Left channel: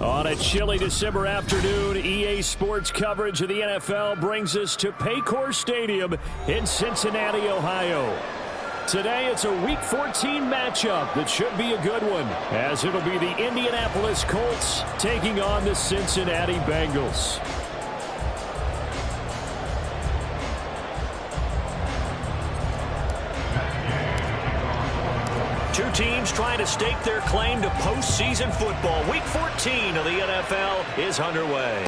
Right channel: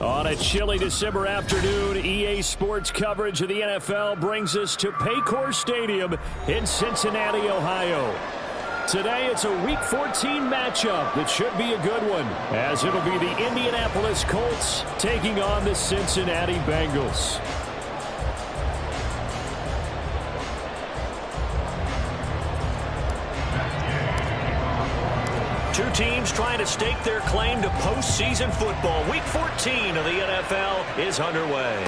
On a chilly December afternoon, EA Sports coverage of the NFL brings us to Paycor Stadium in Cincinnati, Ohio. Today, it's a Week 14 matchup that should be a good one, as it'll be the Indianapolis Colts taking on the Cincinnati Bengals. Two teams trying to stake their claim to postseason football. Week 14 of the NFL is underway.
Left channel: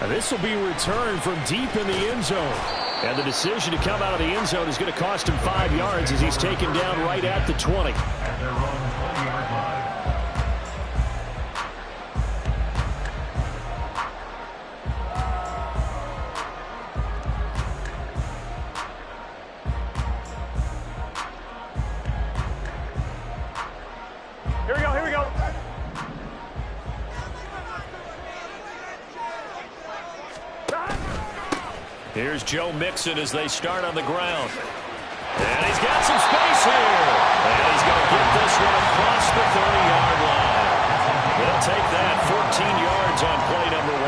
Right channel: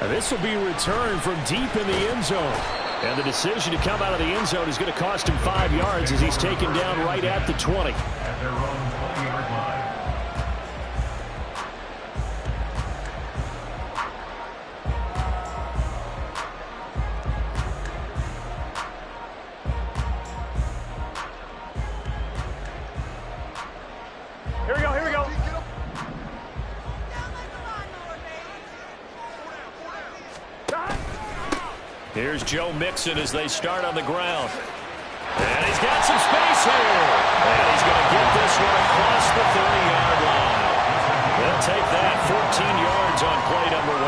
And this will be returned from deep in the end zone. And the decision to come out of the end zone is going to cost him 5 yards as he's taken down right at the 20. At their own 20-yard line. Here we go, here we go. Here's Joe Mixon as they start on the ground. And he's got some space here. And he's going to get this one across the 30-yard line. They'll take that 14 yards on play number 1.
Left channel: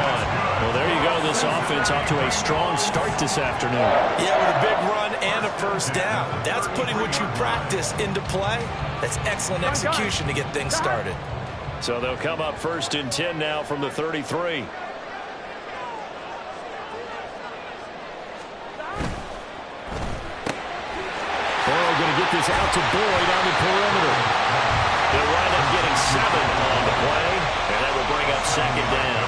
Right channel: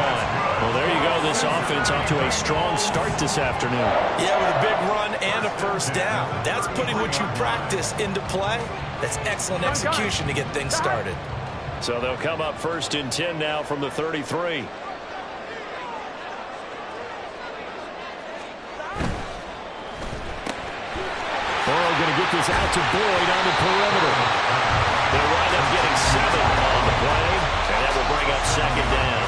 Well, there you go. This offense off to a strong start this afternoon. Yeah, with a big run and a first down. That's putting what you practice into play. That's excellent execution to get things started. So they'll come up 1st and 10 now from the 33. Burrow going to get this out to Boyd on the perimeter. They'll wind up getting 7 on the play, and that will bring up 2nd down.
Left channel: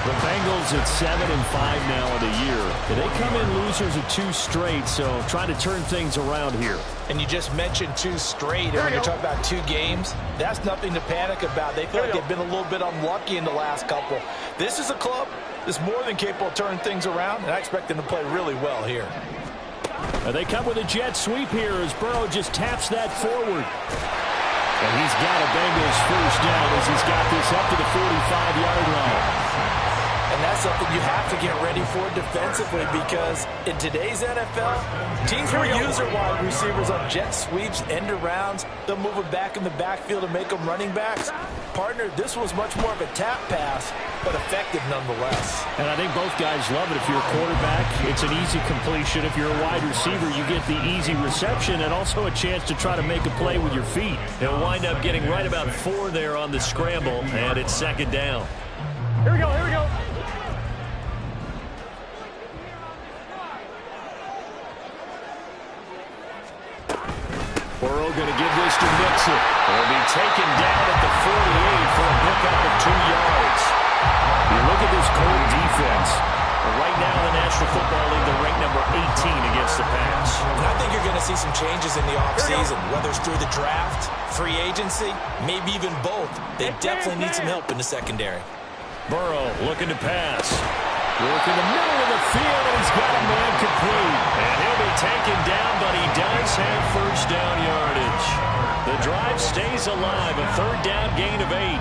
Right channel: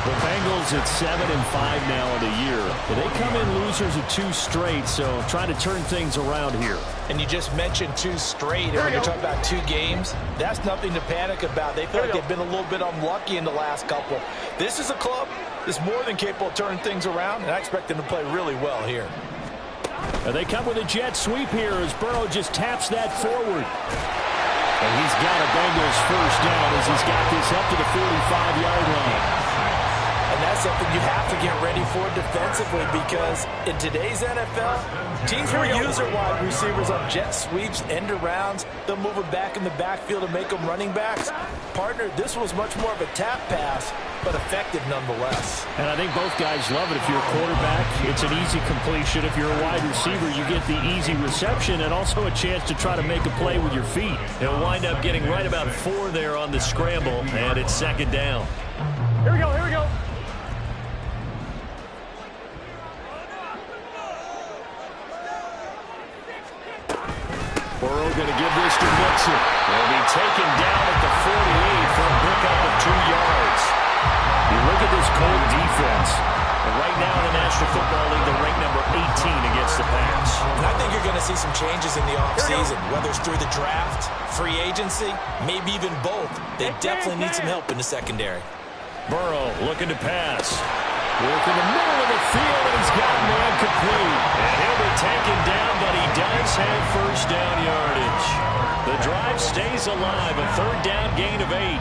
The Bengals at 7-5 now in the year. They come in losers of 2 straight, so trying to turn things around here. And you just mentioned 2 straight, and when you're talking about 2 games, that's nothing to panic about. They feel like they've been a little bit unlucky in the last couple. This is a club that's more than capable of turning things around, and I expect them to play really well here. They come with a jet sweep here as Burrow just taps that forward. And he's got a Bengals first down as he's got this up to the 45-yard line. And that's something you have to get ready for defensively, because in today's NFL, teams will use their wide receivers on jet sweeps, end arounds. They'll move them back in the backfield and make them running backs. Partner, this was much more of a tap pass, but effective nonetheless. And I think both guys love it. If you're a quarterback, it's an easy completion. If you're a wide receiver, you get the easy reception and also a chance to try to make a play with your feet. They'll wind up getting right about 4 there on the scramble, and it's 2nd down. Here we go, here we go. Burrow going to give this to Mixon. He'll be taken down at the 48 for a pickup of 2 yards. You look at this Colt defense. Right now in the National Football League, they're ranked number 18 against the pass. And I think you're going to see some changes in the offseason, whether it's through the draft, free agency, maybe even both. They definitely need some help in the secondary. Burrow looking to pass. Work in the middle of the field, and he's got a man complete. And he'll be taken down, but he does have first down yardage. The drive stays alive, a 3rd down gain of 8.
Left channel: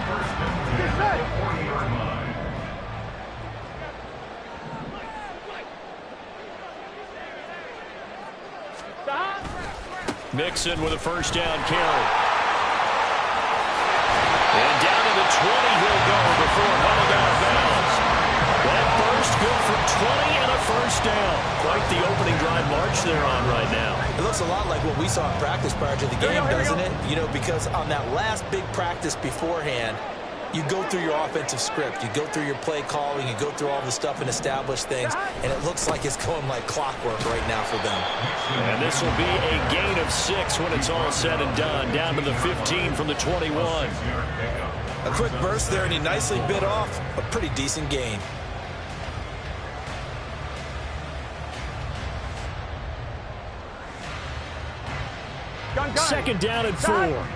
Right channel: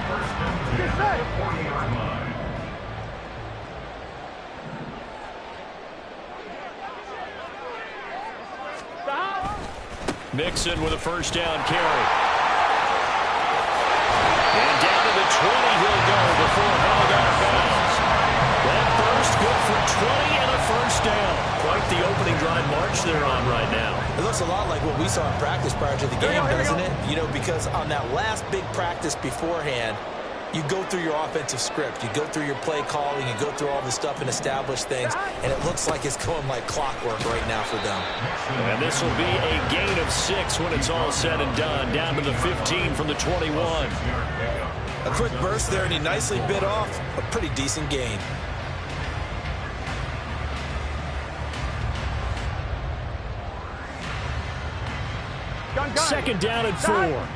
Mixon with a first down carry. And down to the 20 he'll go before heading out of bounds. That burst good for 20 and a first down. Quite the opening drive march they're on right now. It looks a lot like what we saw in practice prior to the game, doesn't it? You know, because on that last big practice beforehand, you go through your offensive script. You go through your play calling. You go through all the stuff and establish things. And it looks like it's going like clockwork right now for them. And this will be a gain of 6 when it's all said and done. Down to the 15 from the 21. A quick burst there, and he nicely bit off a pretty decent gain. Gun. 2nd down and 4.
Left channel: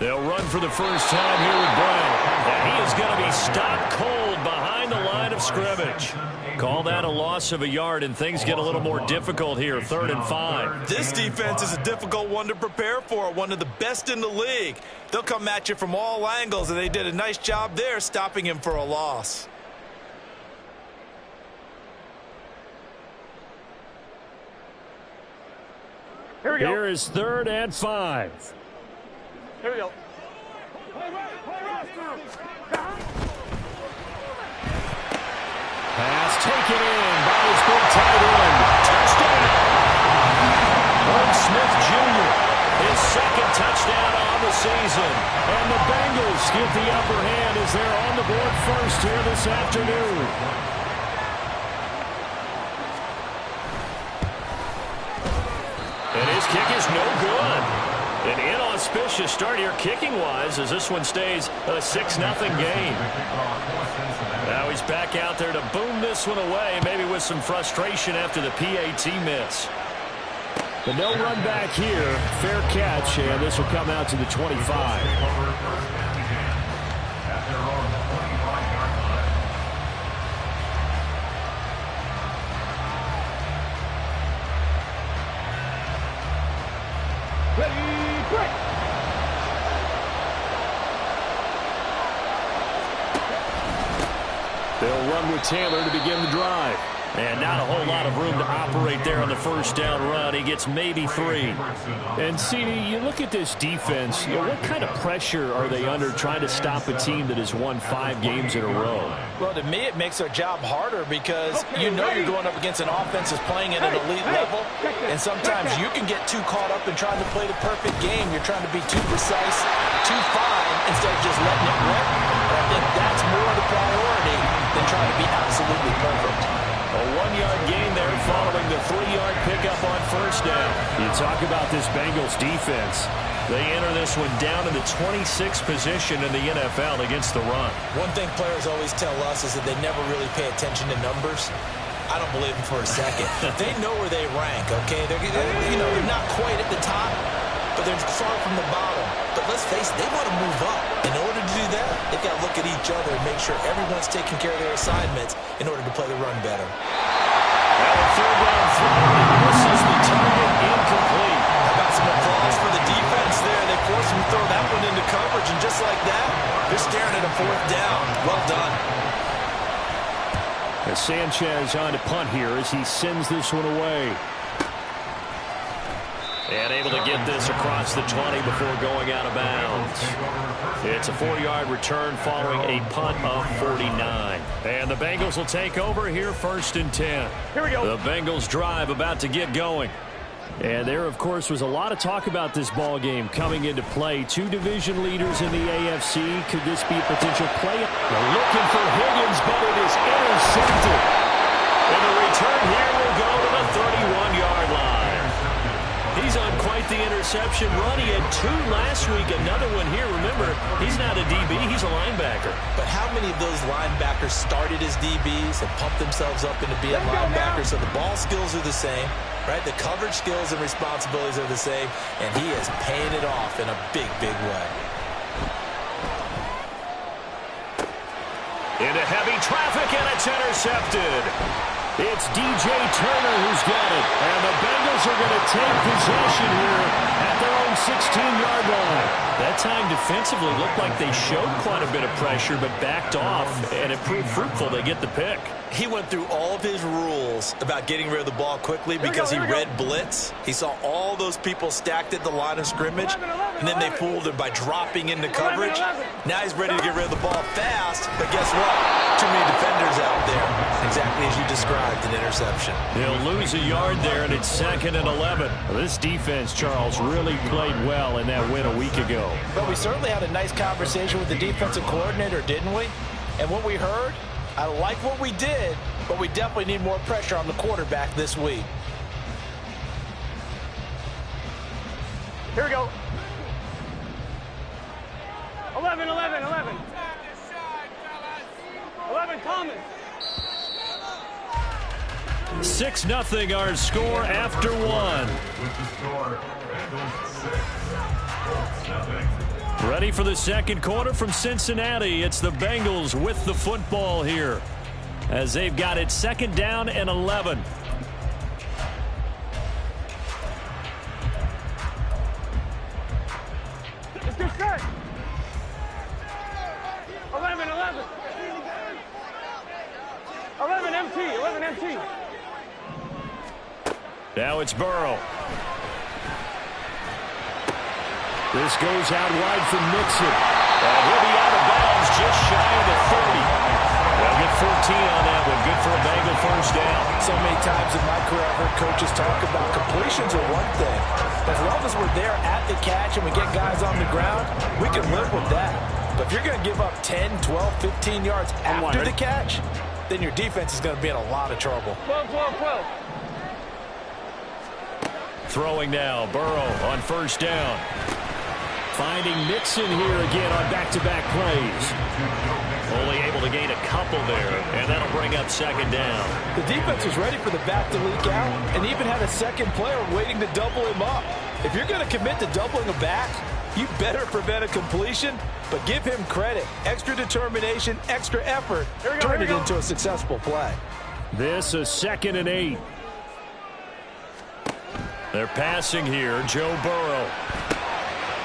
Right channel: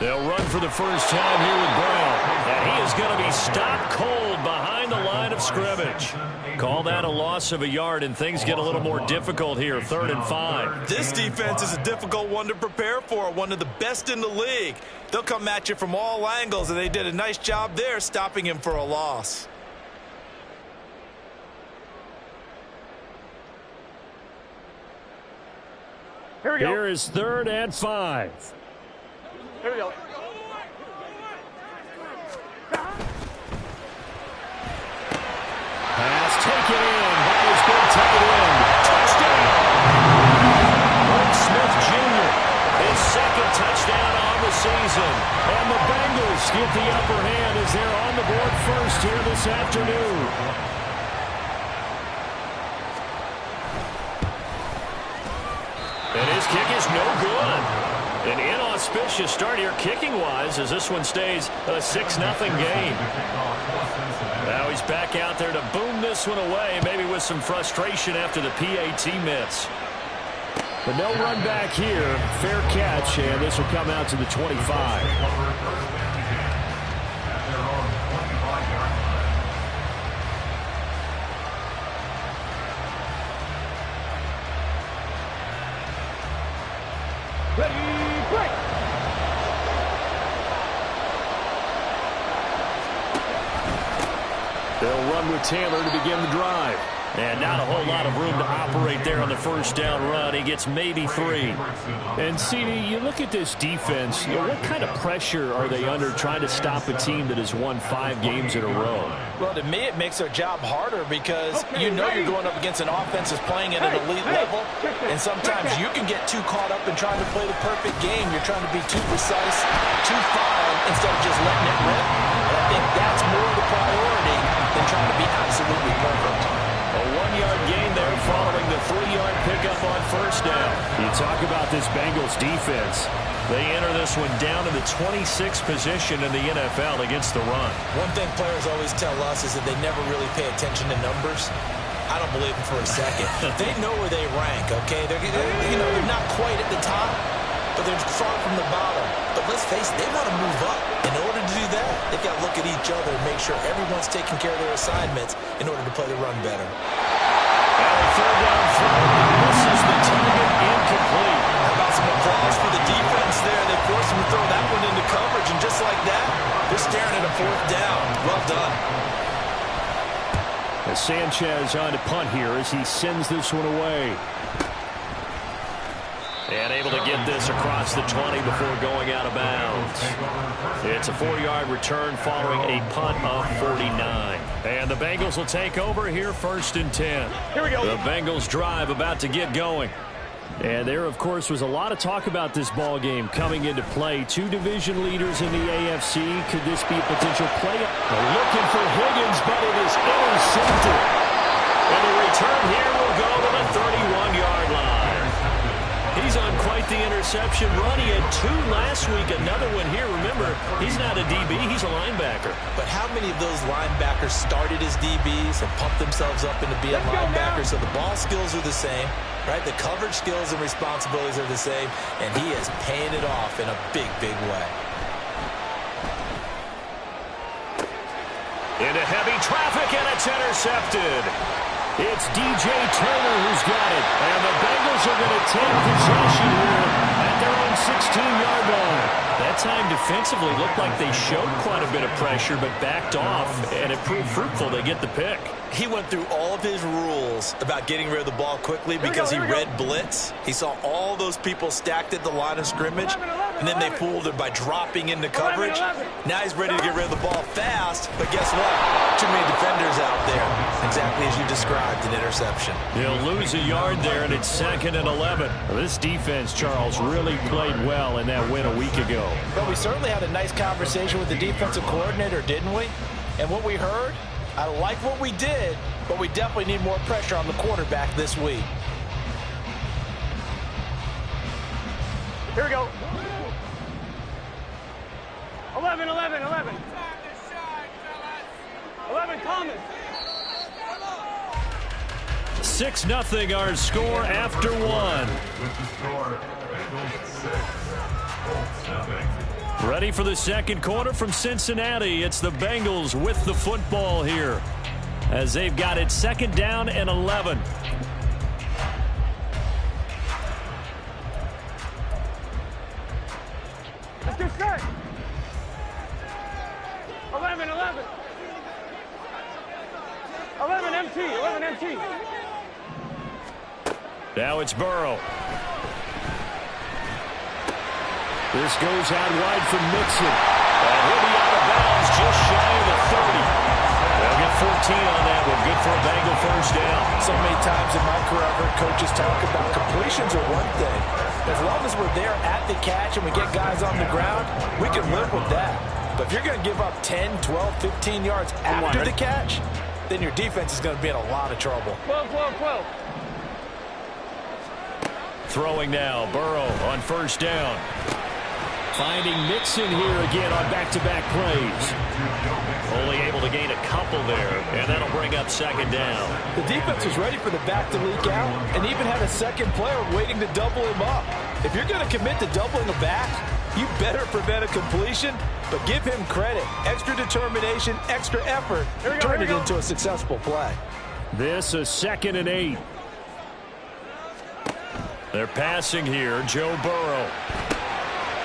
They'll run for the first time here with Brown. And he is going to be stopped cold behind the line of scrimmage. Call that a loss of a yard, and things get a little more difficult here. 3rd and 5. This defense is a difficult one to prepare for, one of the best in the league. They'll come at you from all angles, and they did a nice job there stopping him for a loss. Here we go. Here is 3rd and 5. Here we go. Pass taken in by his big tight end. Touchdown! Herb Smith Jr., his 2nd touchdown on the season. And the Bengals get the upper hand as they're on the board first here this afternoon. And his kick is no good. An inauspicious start here kicking-wise as this one stays a 6-0 game. Now he's back out there to boom this one away, maybe with some frustration after the PAT miss. But no run back here. Fair catch, and this will come out to the 25. Ready, break. They'll run with Taylor to begin the drive. And not a whole lot of room to operate there on the first down run. He gets maybe 3. And, CD, you look at this defense, what kind of pressure are they under trying to stop a team that has won 5 games in a row? Well, to me, it makes their job harder because you know you're going up against an offense that's playing at an elite level. And sometimes you can get too caught up in trying to play the perfect game. You're trying to be too precise, too fine, instead of just letting it rip. And I think that's more the priority than trying to be absolutely perfect. A 1-yard gain there following the 3-yard pickup on first down. You talk about this Bengals defense. They enter this one down in the 26th position in the NFL against the run. One thing players always tell us is that they never really pay attention to numbers. I don't believe them for a second. They know where they rank, okay? They're not quite at the top, but they're far from the bottom. But let's face it, they want to move up. In order to do that, they've got to look at each other and make sure everyone's taking care of their assignments in order to play the run better. Now a 3rd down throw. He misses the target, incomplete. How about some applause for the defense there? They forced him to throw that one into coverage, and just like that, they're staring at a 4th down. Well done. As Sanchez on to punt here as he sends this one away. And able to get this across the 20 before going out of bounds. It's a 4-yard return following a punt of 49. And the Bengals will take over here 1st and 10. Here we go. The Bengals drive about to get going. And there, of course, was a lot of talk about this ball game coming into play. 2 division leaders in the AFC. Could this be a potential play? They're looking for Higgins, but it is intercepted. And the return here will go to the 31-yard line. He's on quite the interception run. He had 2 last week, another one here. Remember, he's not a DB, he's a linebacker. But how many of those linebackers started as DBs and pumped themselves up into being linebackers? So the ball skills are the same, right? The coverage skills and responsibilities are the same, and he is paying it off in a big, big way. Into heavy traffic, and it's intercepted. It's DJ Turner who's got it. And the Bengals are going to take possession here at their own 16-yard line. That time defensively looked like they showed quite a bit of pressure but backed off, and it proved fruitful. They get the pick. He went through all of his rules about getting rid of the ball quickly because he read blitz. He saw all those people stacked at the line of scrimmage, and then they fooled him by dropping into coverage. Now he's ready to get rid of the ball fast, but guess what? Too many defenders out there. Exactly as you described, an interception. He'll lose a yard there, and it's 2nd and 11. This defense, Charles, really played well in that win a week ago. But we certainly had a nice conversation with the defensive coordinator, didn't we? And what we heard, I like what we did, but we definitely need more pressure on the quarterback this week. Here we go. 11, 11, 11. 11, common. 6-0 our score after 1. With the score, Bengals 6, Colts nothing. Ready for the second quarter from Cincinnati. It's the Bengals with the football here as they've got it 2nd down and 11. Let's get set. 11, 11. 11 MT, 11 MT. Now it's Burrow. This goes out wide for Mixon. And he'll be out of bounds just shy of the 30. They'll get 14 on that one. Good for a Bengal first down. So many times in my career, I've heard coaches talk about completions are one thing. As long as we're there at the catch and we get guys on the ground, we can live with that. But if you're going to give up 10, 12, 15 yards after the catch, then your defense is going to be in a lot of trouble. 12, 12, 12. Throwing now, Burrow on first down. Finding Mixon here again on back-to-back plays. Only able to gain a couple there, and that'll bring up second down. The defense was ready for the back to leak out and even had a second player waiting to double him up. If you're going to commit to doubling a back, you better prevent a completion, but give him credit. Extra determination, extra effort, turn it into a successful play. This is 2nd and 8. They're passing here, Joe Burrow.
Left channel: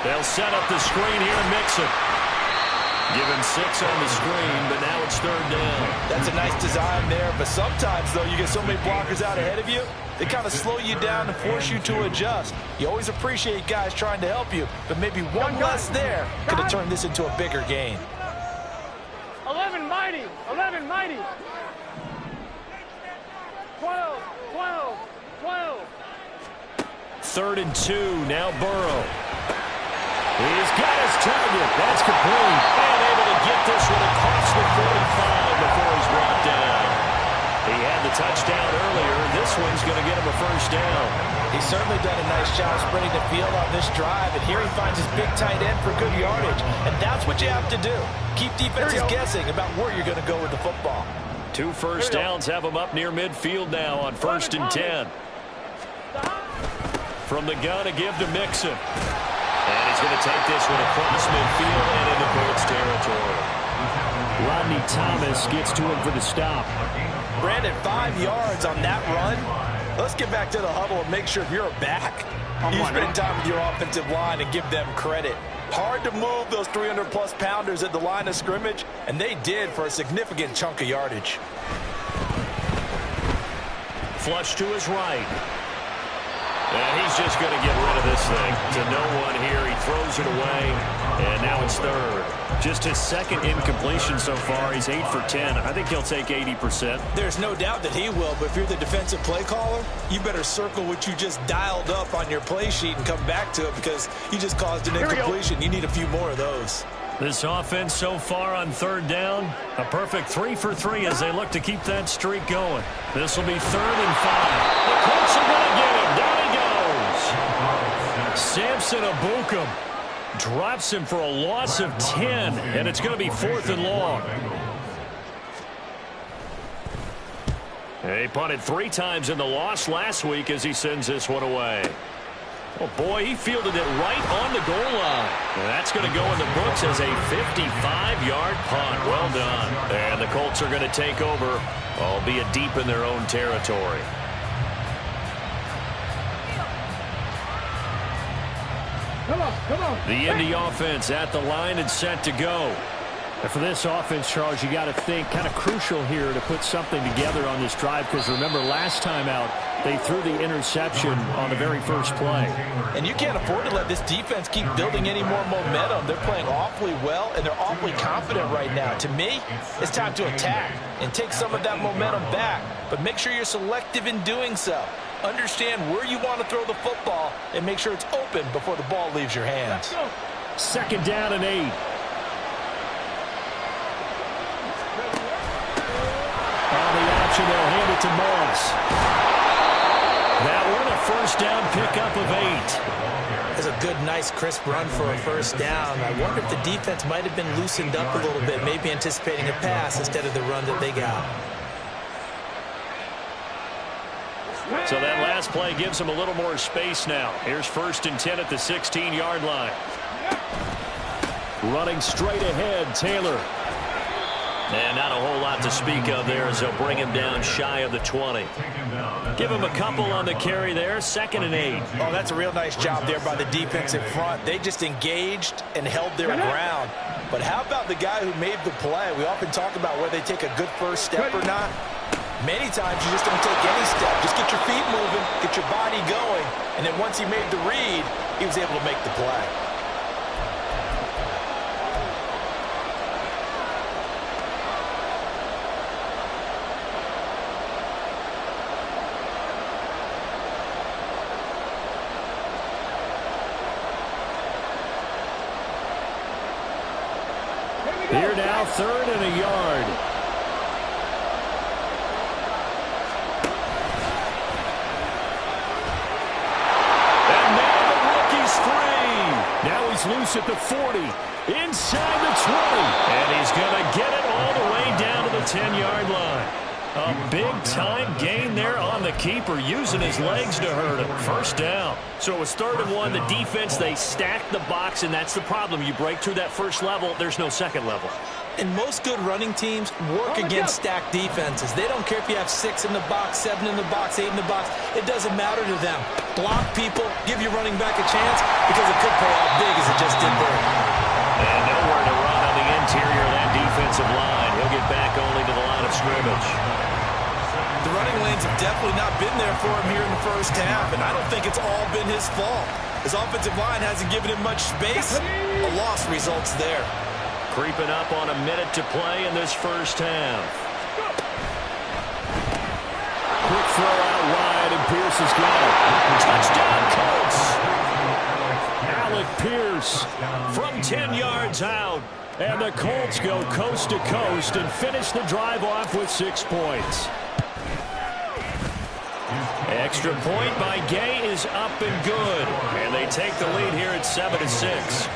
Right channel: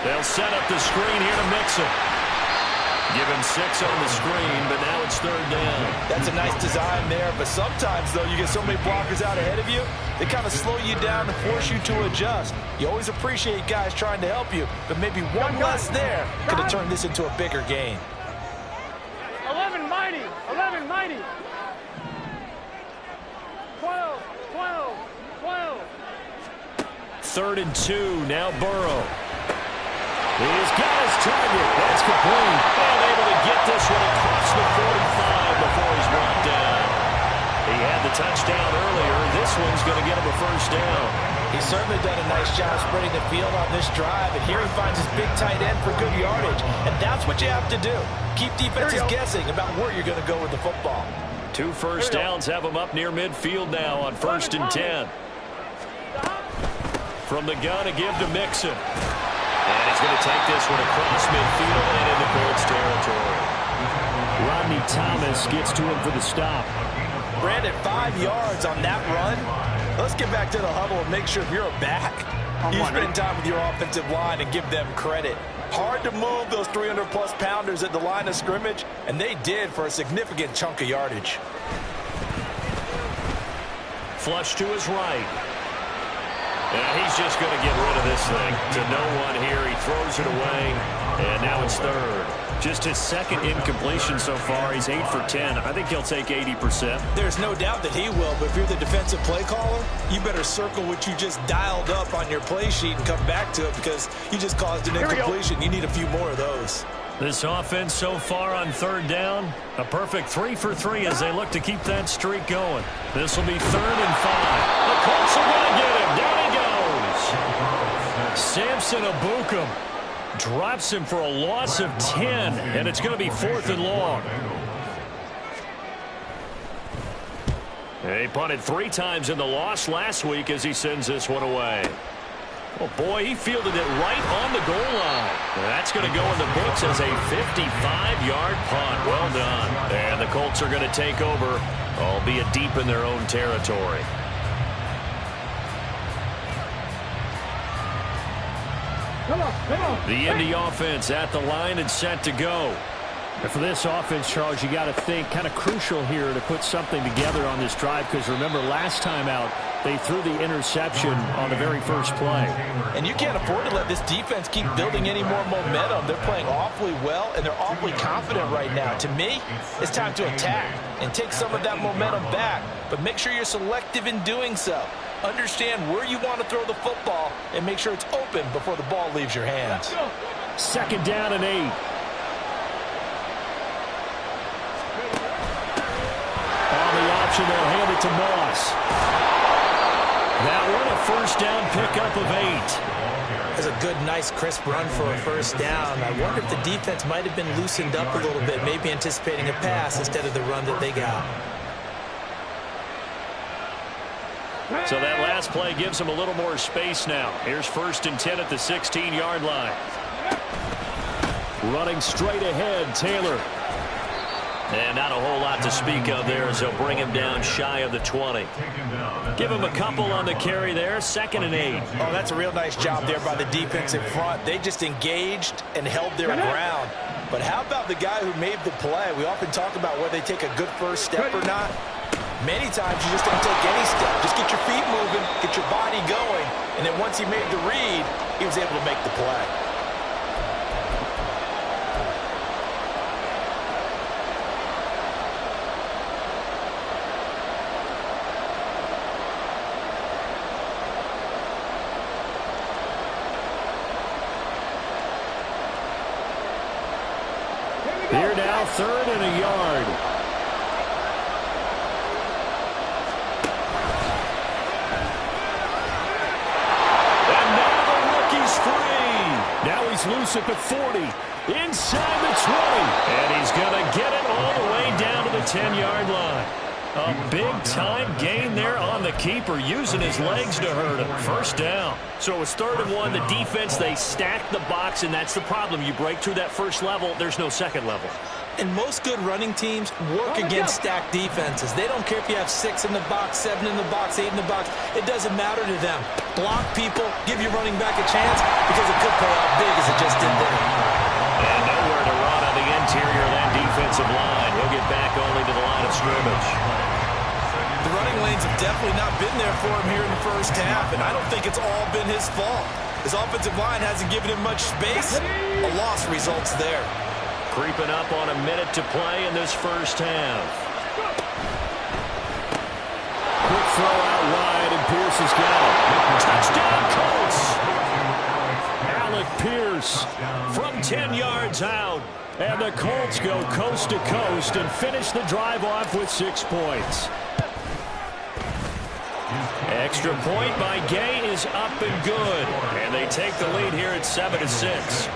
They'll set up the screen here to Mixon. Give him 6 on the screen, but now it's 3rd down. That's a nice design there, but sometimes, though, you get so many blockers out ahead of you, they kind of slow you down and force you to adjust. You always appreciate guys trying to help you, but maybe one less there could have turned this into a bigger gain. 11 mighty. 11 mighty. 12, 12, 12. 3rd and 2, now Burrow. He's got his target. That's complete. And able to get this one across the 45 before he's brought down. He had the touchdown earlier. This one's going to get him a first down. He's certainly done a nice job spreading the field on this drive, and here he finds his big tight end for good yardage. And that's what you have to do. Keep defenses guessing about where you're going to go with the football. 2 first downs have him up near midfield now on 1st and 10. From the gun, a give to Mixon. And he's going to take this one across midfield and into Colts territory. Rodney Thomas gets to him for the stop. Brandon, 5 yards on that run. Let's get back to the huddle and make sure if you're a back, you spend time with your offensive line and give them credit. Hard to move those 300-plus pounders at the line of scrimmage, and they did for a significant chunk of yardage. Flush to his right. And he's just going to get rid of this thing to no one here. He throws it away, and now it's 3rd. Just his 2nd incompletion so far. He's 8 for 10. I think he'll take 80%. There's no doubt that he will, but if you're the defensive play caller, you better circle what you just dialed up on your play sheet and come back to it because you just caused an incompletion. You need a few more of those. This offense so far on 3rd down, a perfect 3 for 3 as they look to keep that streak going. This will be 3rd and 5. The Colts are going to get him. Down he goes. Samson Abukum drops him for a loss of 10, and it's going to be 4th and long. He punted 3 times in the loss last week as he sends this one away. Oh, boy, he fielded it right on the goal line. That's going to go in the books as a 55-yard punt. Well done. And the Colts are going to take over, albeit deep in their own territory. Come on. The Indy offense at the line and set to go. And for this offense, Charles, you got to think kind of crucial here to put something together on this drive because remember last time out they threw the interception on the very first play. And you can't afford to let this defense keep building any more momentum. They're playing awfully well and they're awfully confident right now. To me, it's time to attack and take some of that momentum back, but make sure you're selective in doing so. Understand where you want to throw the football and make sure it's open before the ball leaves your hands. 2nd down and 8. On the option, they'll hand it to Moss. That one, a first down pickup of 8. That's a good, nice, crisp run for a first down. I wonder if the defense might have been loosened up a little bit, maybe anticipating a pass instead of the run that they got. So that last play gives them a little more space now. Here's 1st and 10 at the 16-yard line. Running straight ahead, Taylor. And not a whole lot to speak of there as they'll bring him down shy of the 20. Give him a couple on the carry there. 2nd and 8. Oh, that's a real nice job there by the defense in front. They just engaged and held their ground. But how about the guy who made the play? We often talk about whether they take a good first step or not. Many times you just don't take any step. Just get your feet moving, get your body going, and then once he made the read, he was able to make the play. Here now, 3rd and a yard. And now the rookie's free. Now he's loose at the 40, inside the 20. And he's going to get it all the way down to the 10-yard line. A big-time gain there on the keeper, using his legs to hurt him. First down. So it's 3rd and 1. The defense, they stack the box, and that's the problem. You break through that first level, there's no second level. And most good running teams work against stacked defenses. They don't care if you have 6 in the box, 7 in the box, 8 in the box. It doesn't matter to them. Block people, give your running back a chance, because it could pay off big as it just did there. And nowhere to run on the interior of that defensive line. He'll get back only to the line of scrimmage. The running lanes have definitely not been there for him here in the first half, and I don't think it's all been his fault. His offensive line hasn't given him much space. A loss results there. Creeping up on a minute to play in this first half. Quick throw out wide, and Pierce has got it. Touchdown, Colts! Alec Pierce from 10 yards out. And the Colts go coast to coast and finish the drive off with 6 points. Extra point by Gay is up and good. And they take the lead here at 7-6.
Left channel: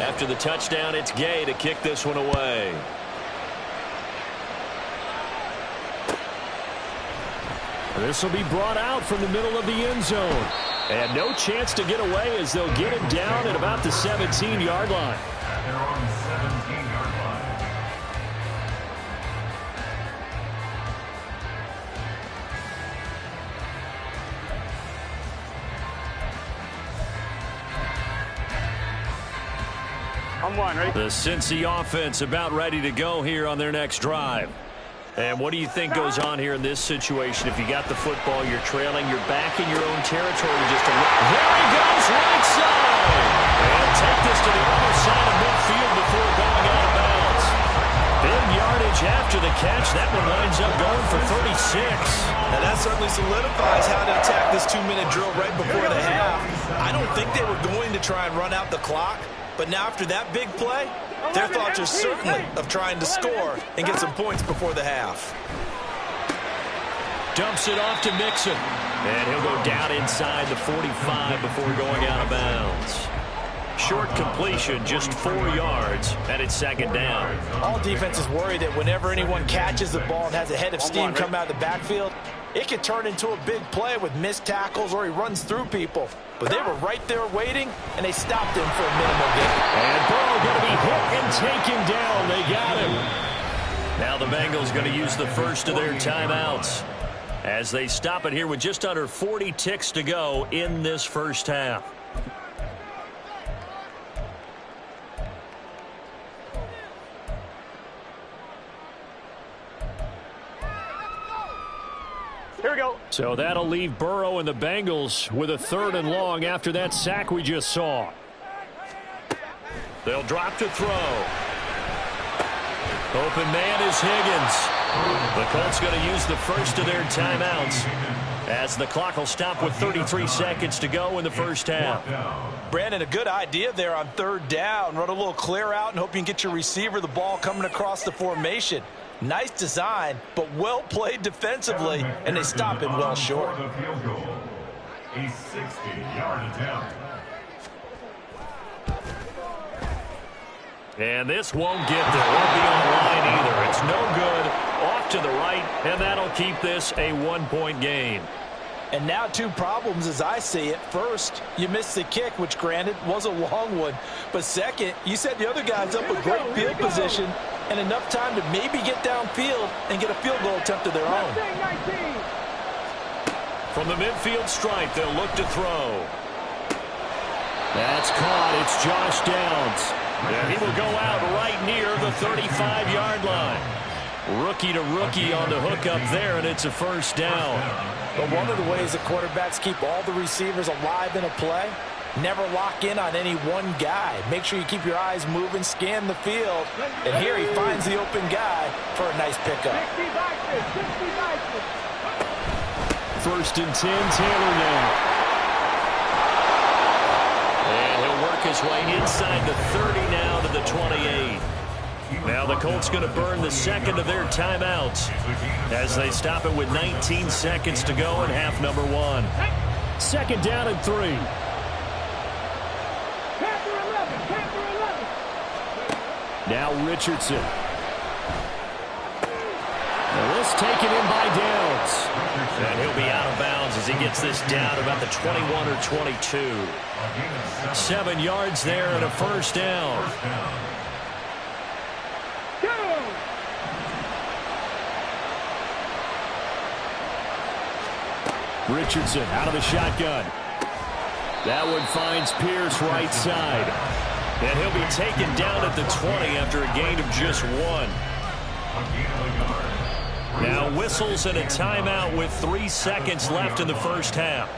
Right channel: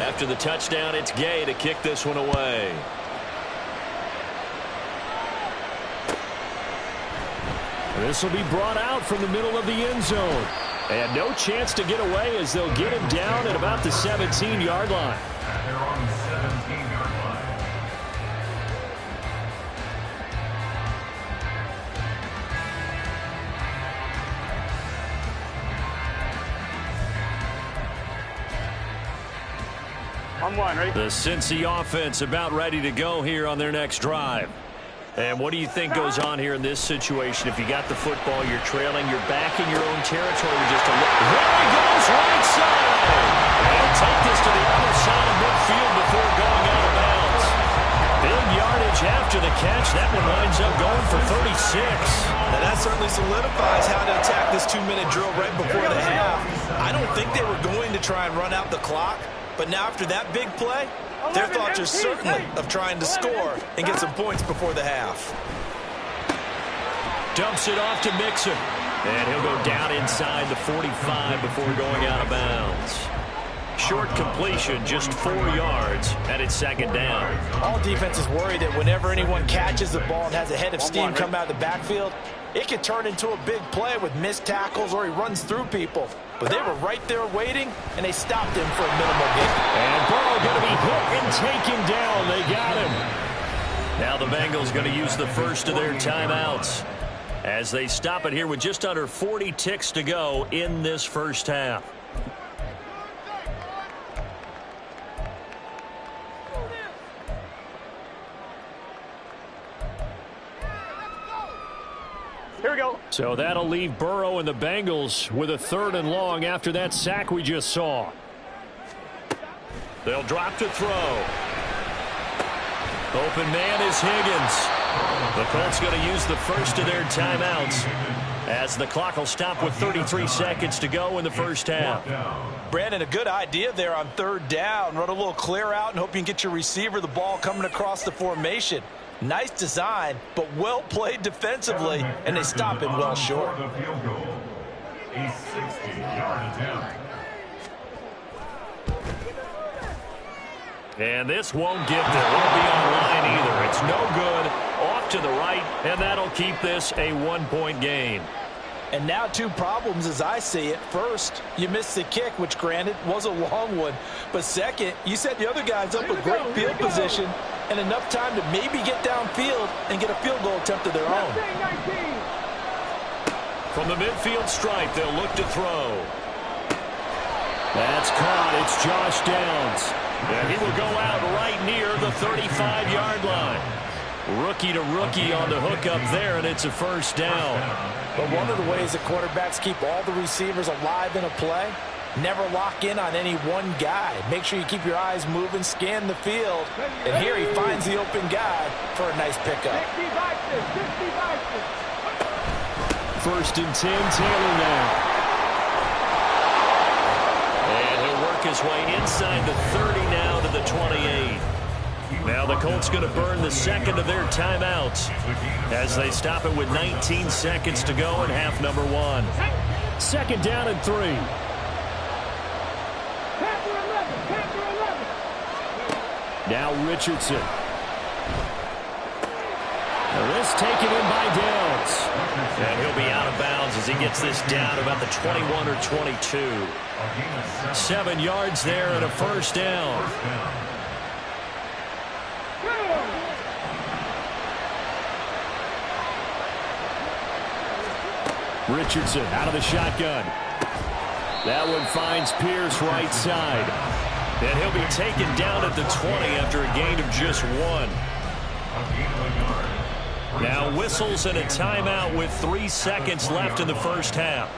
After the touchdown, it's Gay to kick this one away. This will be brought out from the middle of the end zone. And no chance to get away as they'll get him down at about the 17-yard line. They're on the 17-yard line. On one, ready? The Cincy offense about ready to go here on their next drive. And what do you think goes on here in this situation? If you got the football, you're trailing, you're back in your own territory with just a look. There he goes, right side. And take this to the other side of midfield before going out of bounds. Big yardage after the catch. That one winds up going for 36. Now that certainly solidifies how to attack this 2-minute drill right before the half. I don't think they were going to try and run out the clock, but now after that big play, their thoughts are certainly of trying to score and get some points before the half. Dumps it off to Mixon. And he'll go down inside the 45 before going out of bounds. Short completion, just 4 yards, and it's 2nd down. All defenses worry that whenever anyone catches the ball and has a head of steam come out of the backfield, it can turn into a big play with missed tackles or he runs through people. But they were right there waiting, and they stopped him for a minimal gain. And Burrow going to be hit and taken down. They got him. Now the Bengals going to use the first of their timeouts as they stop it here with just under 40 ticks to go in this first half. Here we go. So that'll leave Burrow and the Bengals with a 3rd and long after that sack we just saw. They'll drop to throw. Open man is Higgins. The Colts going to use the first of their timeouts as the clock will stop with 33 seconds to go in the first half. Brandon, a good idea there on 3rd down. Run a little clear out and hope you can get your receiver the ball coming across the formation. Nice design, but well played defensively, and they stop it well short. A 60-yard attempt. And this won't get there. Won't be on line either. It's no good. Off to the right, and that'll keep this a 1-point game. And now 2 problems as I see it. First, you missed the kick, which granted was a long one. But second, you set the other guys up with great field position and enough time to maybe get downfield and get a field goal attempt of their own. From the midfield stripe, they'll look to throw. That's caught. It's Josh Downs. And he will go out right near the 35-yard line. Rookie to rookie on the hook up there, and it's a first down. But one of the ways that quarterbacks keep all the receivers alive in a play, never lock in on any one guy. Make sure you keep your eyes moving, scan the field, and here he finds the open guy for a nice pickup. 60 boxes, 60 boxes. 1st and 10, Taylor now. And he'll his way inside the 30 now to the 28. Now the Colts going to burn the second of their timeouts as they stop it with 19 seconds to go in half number 1. Second down and 3. Now Richardson. Now this taken in by Downs. And he'll be out of bounds as he gets this down about the 21 or 22. 7 yards there and a first down. Richardson out of the shotgun. That one finds Pierce right side. And he'll be taken down at the 20 after a gain of just 1. Now whistles and a timeout with 3 seconds left in the first half.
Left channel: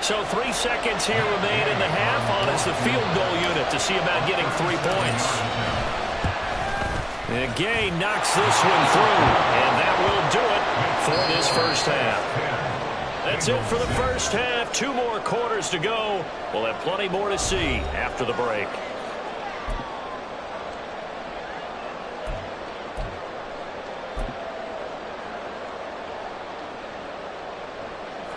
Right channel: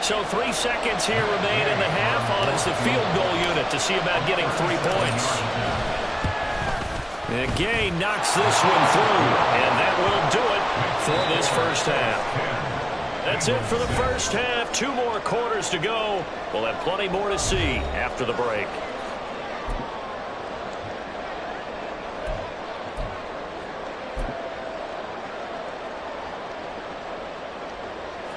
So 3 seconds here remain in the half on as the field goal unit to see about getting 3 points. And Gay knocks this one through, and that will do it for this first half. That's it for the first half. 2 more quarters to go. We'll have plenty more to see after the break.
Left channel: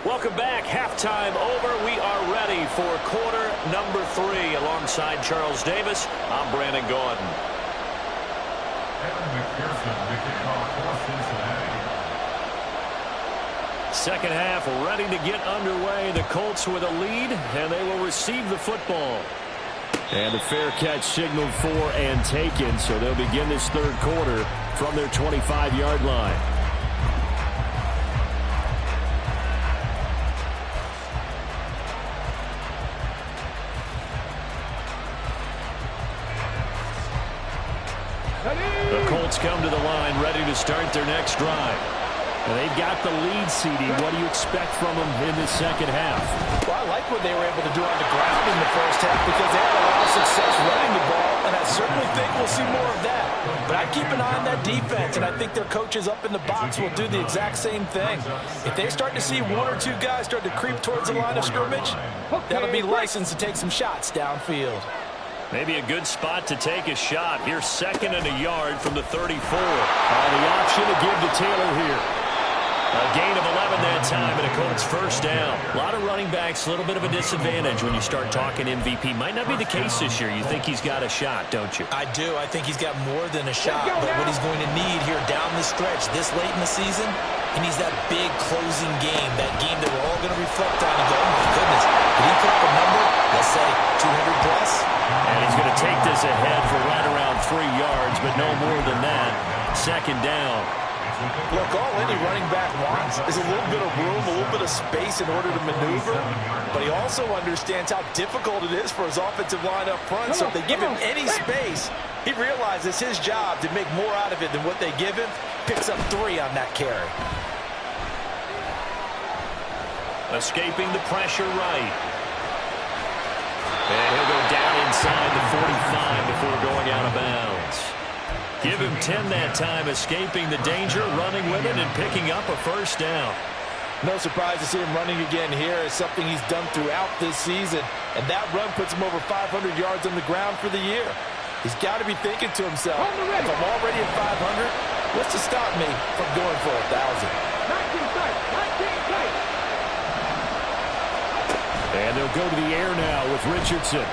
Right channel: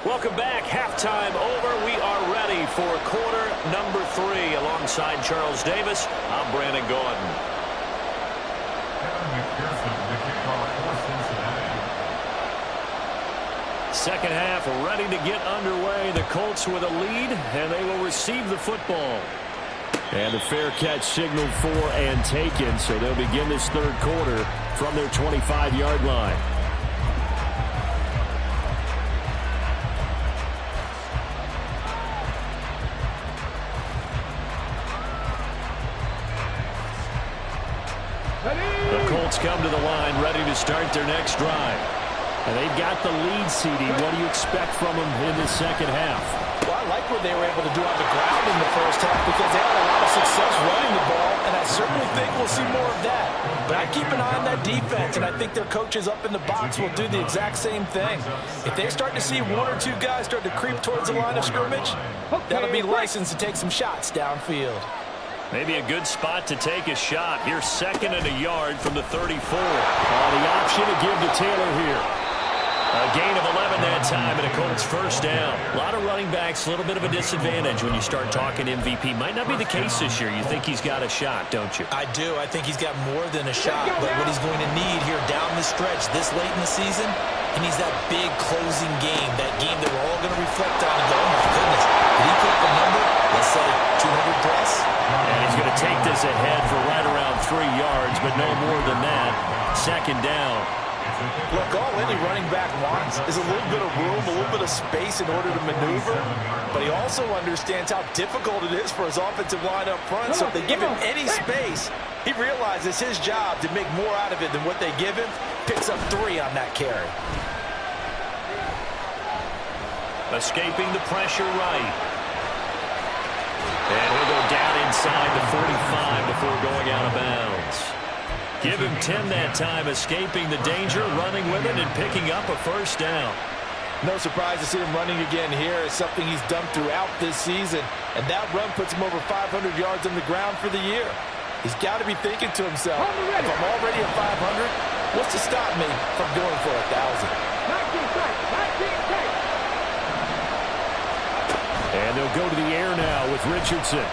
Welcome back. Halftime over. We are ready for quarter number 3. Alongside Charles Davis, I'm Brandon Gordon. Second half ready to get underway. The Colts with a lead, and they will receive the football. And the fair catch signaled for and taken, so they'll begin this third quarter from their 25-yard line. The Colts come to the line ready to start their next drive. And they've got the lead, CD. What do you expect from them in this second half? Well, I like what they were able to do on the ground in the first half because they had a lot of success running the ball, and I certainly think we'll see more of that. But I keep an eye on that defense, and I think their coaches up in the box will do the exact same thing. If they start to see 1 or 2 guys start to creep towards the line of scrimmage, that'll be licensed to take some shots downfield. Maybe a good spot to take a shot. Here's 2nd and a yard from the 34. The option to give to Taylor here. A gain of 11 that time and a Colts first down. A lot of running backs, a little bit of a disadvantage when you start talking MVP. Might not be the case this year. You think he's got a shot, don't you? I do. I think he's got more than a shot. But what he's going to need here down the stretch this late in the season, he needs that big closing game, that game that we're all going to reflect on and go, oh, my goodness, did he put up a number, let's say, 200 plus? And he's going to take this ahead for right around 3 yards, but no more than that. 2nd down. Look, all any running back wants is a little bit of room, a little bit of space in order to maneuver. But he also understands how difficult it is for his offensive line up front. So if they give him any space, he realizes his job to make more out of it than what they give him. Picks up 3 on that carry. Escaping the pressure right. And he'll go down inside the 45 before going out of bounds. Give him 10 that time, escaping the danger, running with it, and picking up a first down. No surprise to see him running again here. It's something he's done throughout this season. And that run puts him over 500 yards on the ground for the year. He's got to be thinking to himself, if I'm already at 500, what's to stop me from going for 1,000? 19 tight, 19 tight. And they'll go to the air now with Richardson.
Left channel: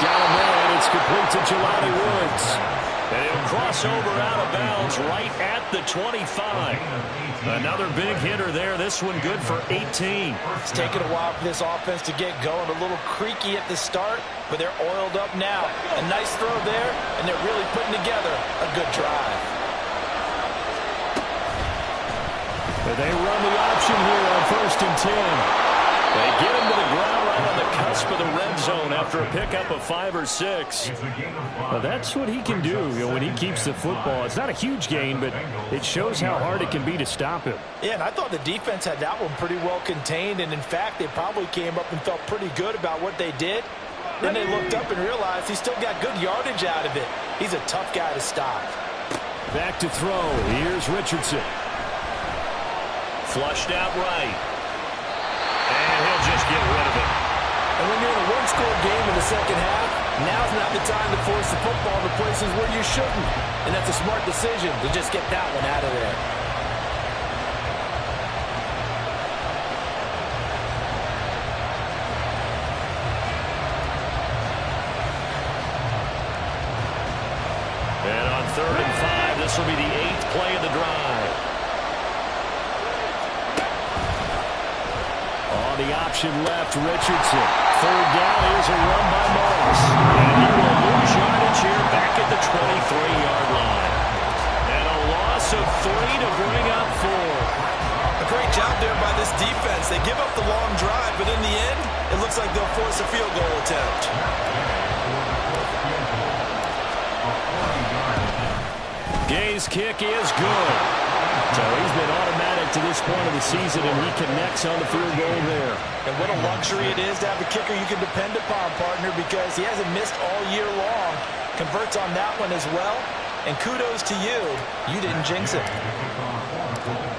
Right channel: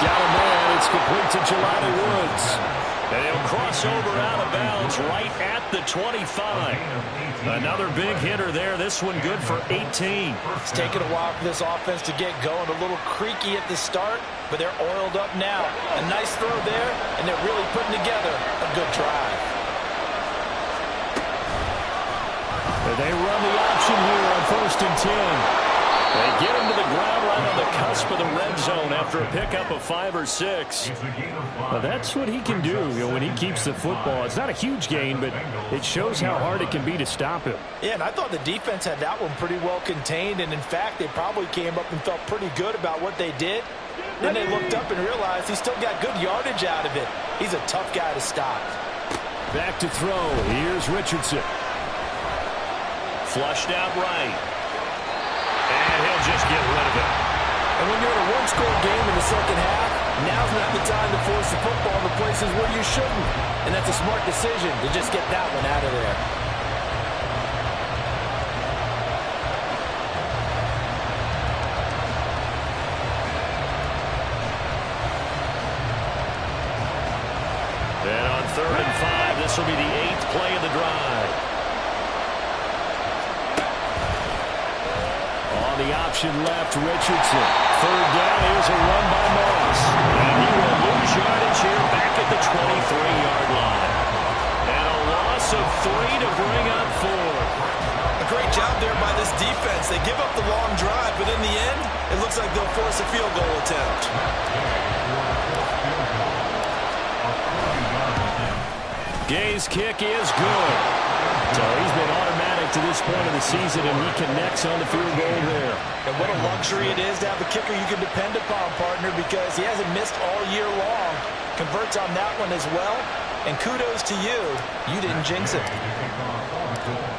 Got a man. It's complete to Jelani Woods. And he'll cross over out of bounds right at the 25. Another big hitter there. This one good for 18. It's taken a while for this offense to get going. A little creaky at the start, but they're oiled up now. A nice throw there, and they're really putting together a good drive. They run the option here on 1st and 10. They get him to the ground right on the cusp of the red zone after a pickup of 5 or 6. Well, that's what he can do, when he keeps the football. It's not a huge gain, but it shows how hard it can be to stop him. Yeah, and I thought the defense had that one pretty well contained, and in fact, they probably came up and felt pretty good about what they did. Then they looked up and realized he still got good yardage out of it. He's a tough guy to stop. Back to throw. Here's Richardson. Flushed out right. And he'll just get rid of it. And when you're in a one-score game in the second half, now's not the time to force the football in the places where you shouldn't. And that's a smart decision to just get that one out of there. And on 3rd and 5, this will be the 8th play of the drive. On the option left, Richardson. 3rd down, here's a run by Moss. And he will lose yardage here back at the 23-yard line. And a loss of 3 to bring up 4. A great job there by this defense. They give up the long drive, but in the end, it looks like they'll force a field goal attempt. Gay's kick is good. So he's been automatic to this point of the season, and he connects on the field goal there. And what a luxury it is to have a kicker you can depend upon, partner, because he hasn't missed all year long. Converts on that one as well. And kudos to you. You didn't jinx it.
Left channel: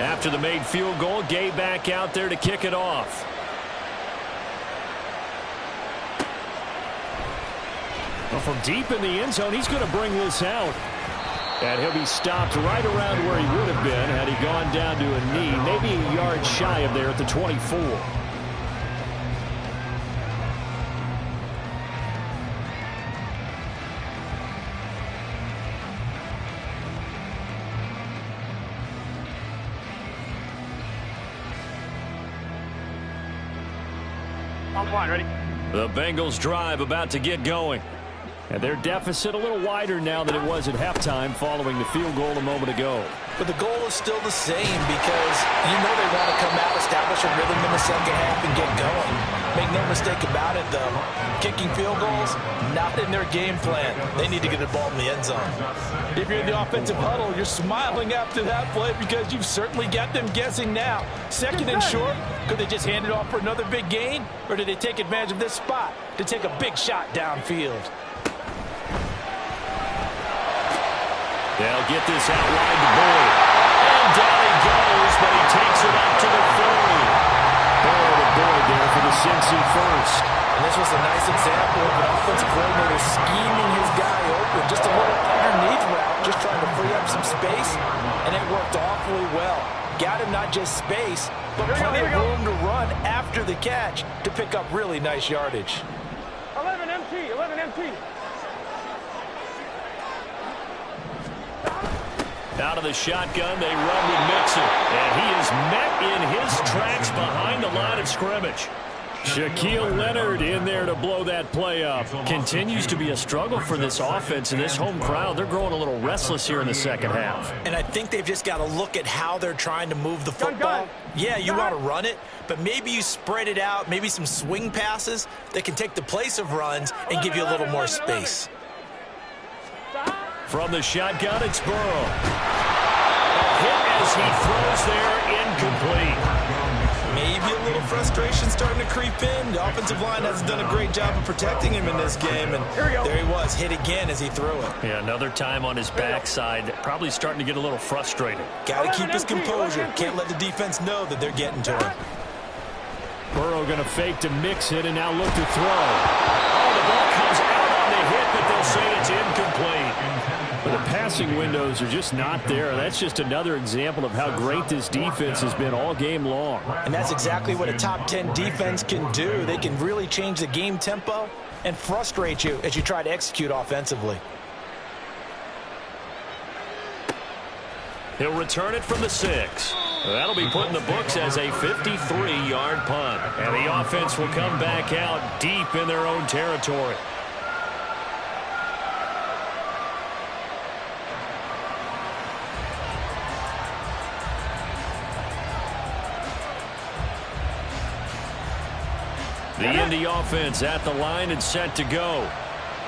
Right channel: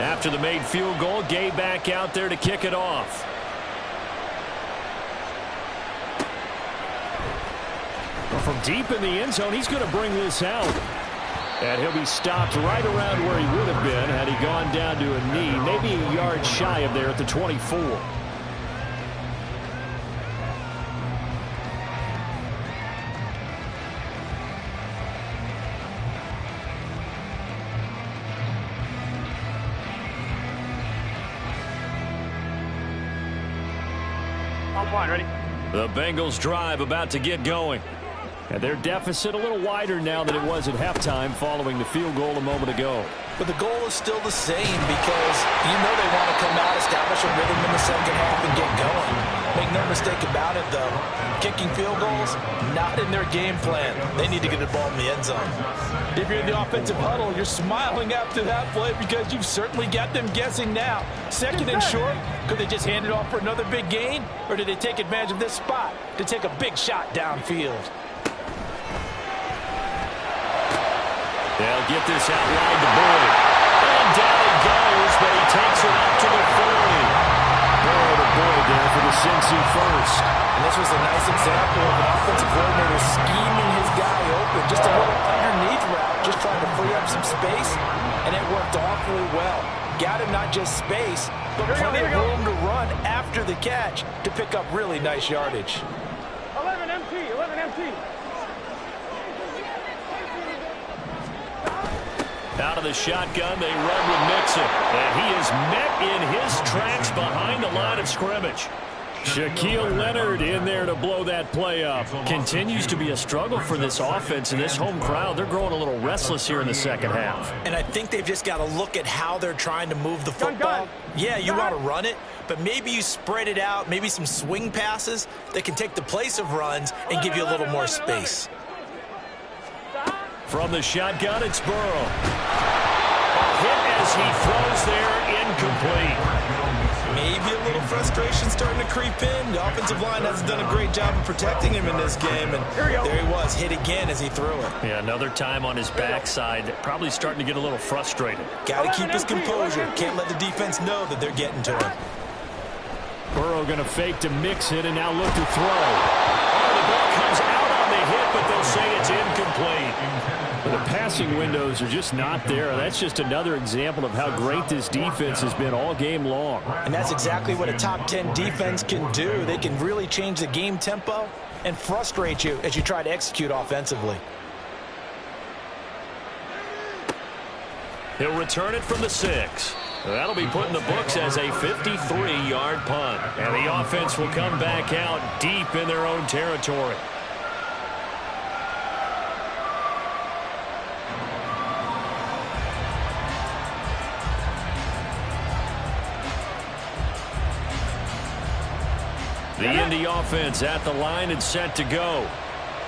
After the made field goal, Gay back out there to kick it off. Well, from deep in the end zone, he's going to bring this out. And he'll be stopped right around where he would have been had he gone down to a knee, maybe a yard shy of there at the 24. On one, ready? The Bengals drive about to get going. And their deficit a little wider now than it was at halftime following the field goal a moment ago. But the goal is still the same because you know they want to come out, establish a rhythm in the second half, and get going. Make no mistake about it, though. Kicking field goals, not in their game plan. They need to get the ball in the end zone. If you're in the offensive huddle, you're smiling after that play because you've certainly got them guessing now. 2nd and short, could they just hand it off for another big gain? Or did they take advantage of this spot to take a big shot downfield? They'll get this out wide to Boyd. And down he goes, but he takes it up to the 40. Burrow to Boyd there for the Cincy first. And this was a nice example of an offensive coordinator scheming his guy open. Just a little underneath route, just trying to free up some space. And it worked awfully well. Got him not just space, but plenty of room to run after the catch to pick up really nice yardage. 11 MT, 11 MT. Out of the shotgun, they run with Mixon. And he is met in his tracks behind the line of scrimmage. Shaquille Leonard in there to blow that play up. Continues to be a struggle for this offense and this home crowd. They're growing a little restless here in the second half. And I think they've just got to look at how they're trying to move the football. Yeah, you want to run it, but maybe you spread it out, maybe some swing passes that can take the place of runs and give you a little more space. From the shotgun, it's Burrow. A hit as he throws there, incomplete. Maybe a little frustration starting to creep in. The offensive line hasn't done a great job of protecting him in this game, and there he was, hit again as he threw it. Yeah, another time on his backside, probably starting to get a little frustrated. Got to keep his composure. Can't let the defense know that they're getting to him. Burrow going to fake to mix it and now look to throw. Oh, the ball comes out on the hit, but they'll say it's incomplete. But the passing windows are just not there. That's just another example of how great this defense has been all game long. And that's exactly what a top 10 defense can do. They can really change the game tempo and frustrate you as you try to execute offensively. He'll return it from the 6. That'll be put in the books as a 53-yard punt. And the offense will come back out deep in their own territory. The Indy offense at the line and set to go.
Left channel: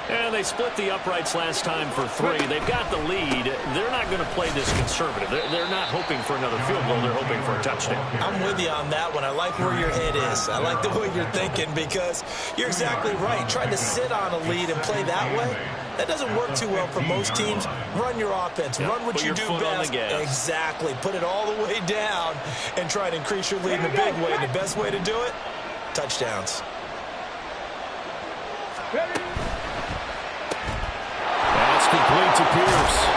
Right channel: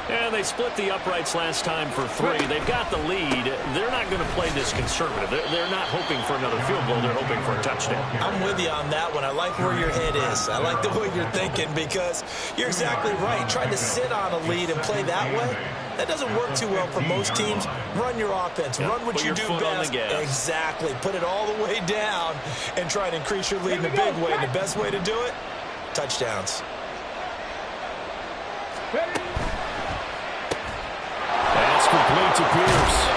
And they split the uprights last time for 3. They've got the lead. They're not going to play this conservative. They're not hoping for another field goal. They're hoping for a touchdown. I'm with you on that one. I like where your head is. I like the way you're thinking because you're exactly right. Trying to sit on a lead and play that way, that doesn't work too well for most teams. Run your offense. Run what you do best. Exactly. Put it all the way down and try to increase your lead in a big way. And the best way to do it, touchdowns. That's complete to Pierce.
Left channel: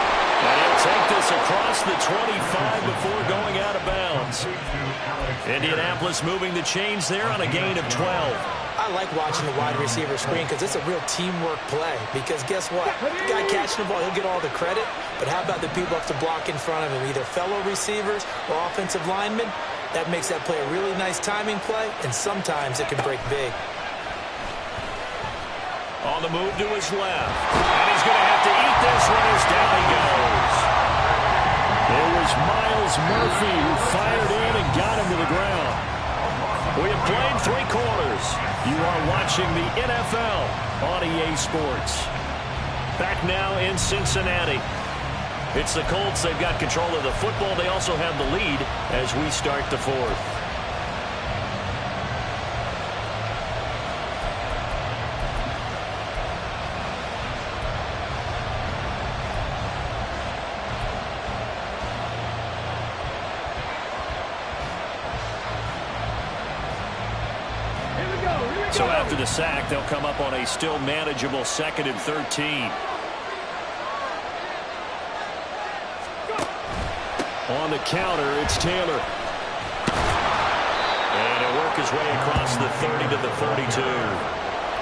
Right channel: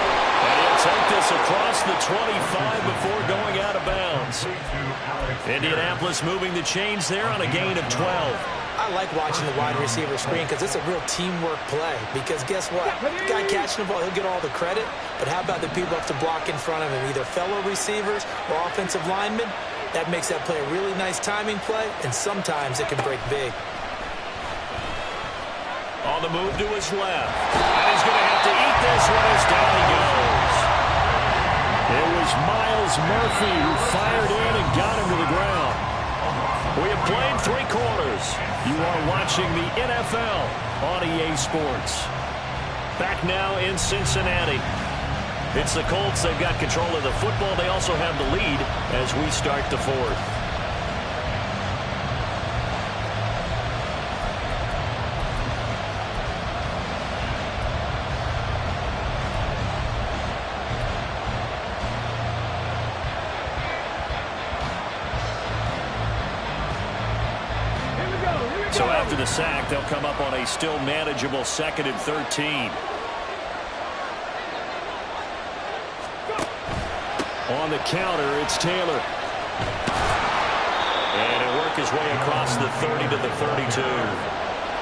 And he'll take this across the 25 before going out of bounds. Indianapolis moving the chains there on a gain of 12. I like watching the wide receiver screen because it's a real teamwork play. Because guess what? The guy catching the ball, he'll get all the credit. But how about the people up to block in front of him, either fellow receivers or offensive linemen? That makes that play a really nice timing play, and sometimes it can break big. On the move to his left. And he's going to have to eat this one as down he goes. It was Miles Murphy who fired in and got him to the ground. We have played 3 quarters. You are watching the NFL on EA Sports. Back now in Cincinnati. It's the Colts. They've got control of the football. They also have the lead as we start the 4th. So after the sack, they'll come up on a still manageable 2nd and 13. On the counter, it's Taylor. And he'll work his way across the 30 to the 42.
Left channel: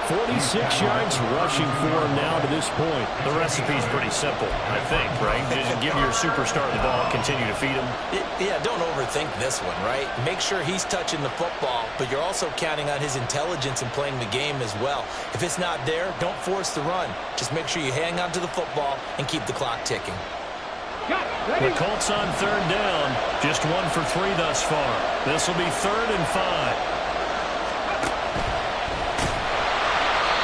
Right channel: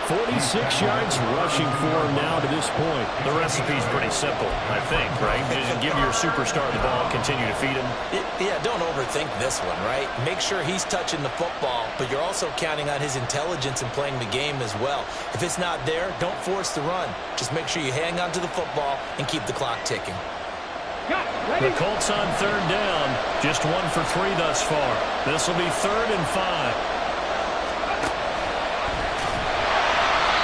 46 yards rushing for him now to this point. The recipe's pretty simple, I think, right? Just give your superstar the ball, continue to feed him. Yeah, don't overthink this one, right? Make sure he's touching the football, but you're also counting on his intelligence in playing the game as well. If it's not there, don't force the run. Just make sure you hang on to the football and keep the clock ticking. The Colts on 3rd down, just 1 for 3 thus far. This will be 3rd and 5.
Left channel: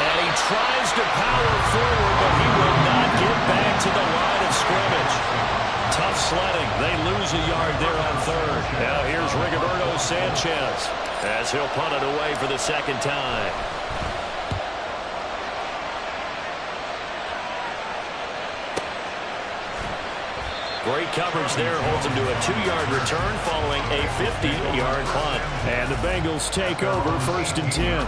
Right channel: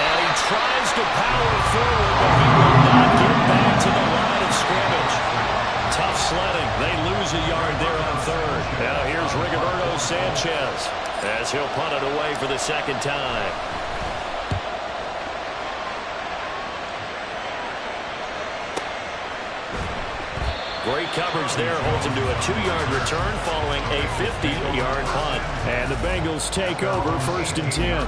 And he tries to power forward, but he will not get back to the line of scrimmage. Tough sledding. They lose a yard there on 3rd. Now here's Rigoberto Sanchez as he'll punt it away for the 2nd time. Great coverage there, holds him to a 2-yard return following a 50-yard punt. And the Bengals take over 1st and 10.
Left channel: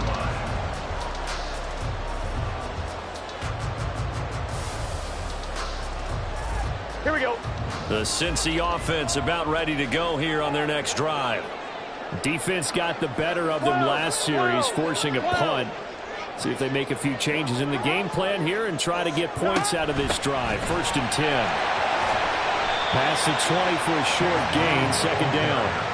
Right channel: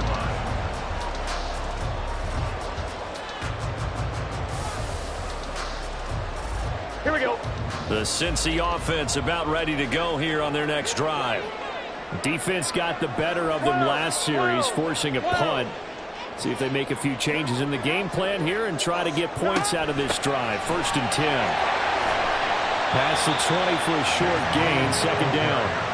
Here we go. The Cincy offense about ready to go here on their next drive. Defense got the better of them last series, forcing a punt. See if they make a few changes in the game plan here and try to get points out of this drive. 1st and 10. Pass the 20 for a short gain, 2nd down.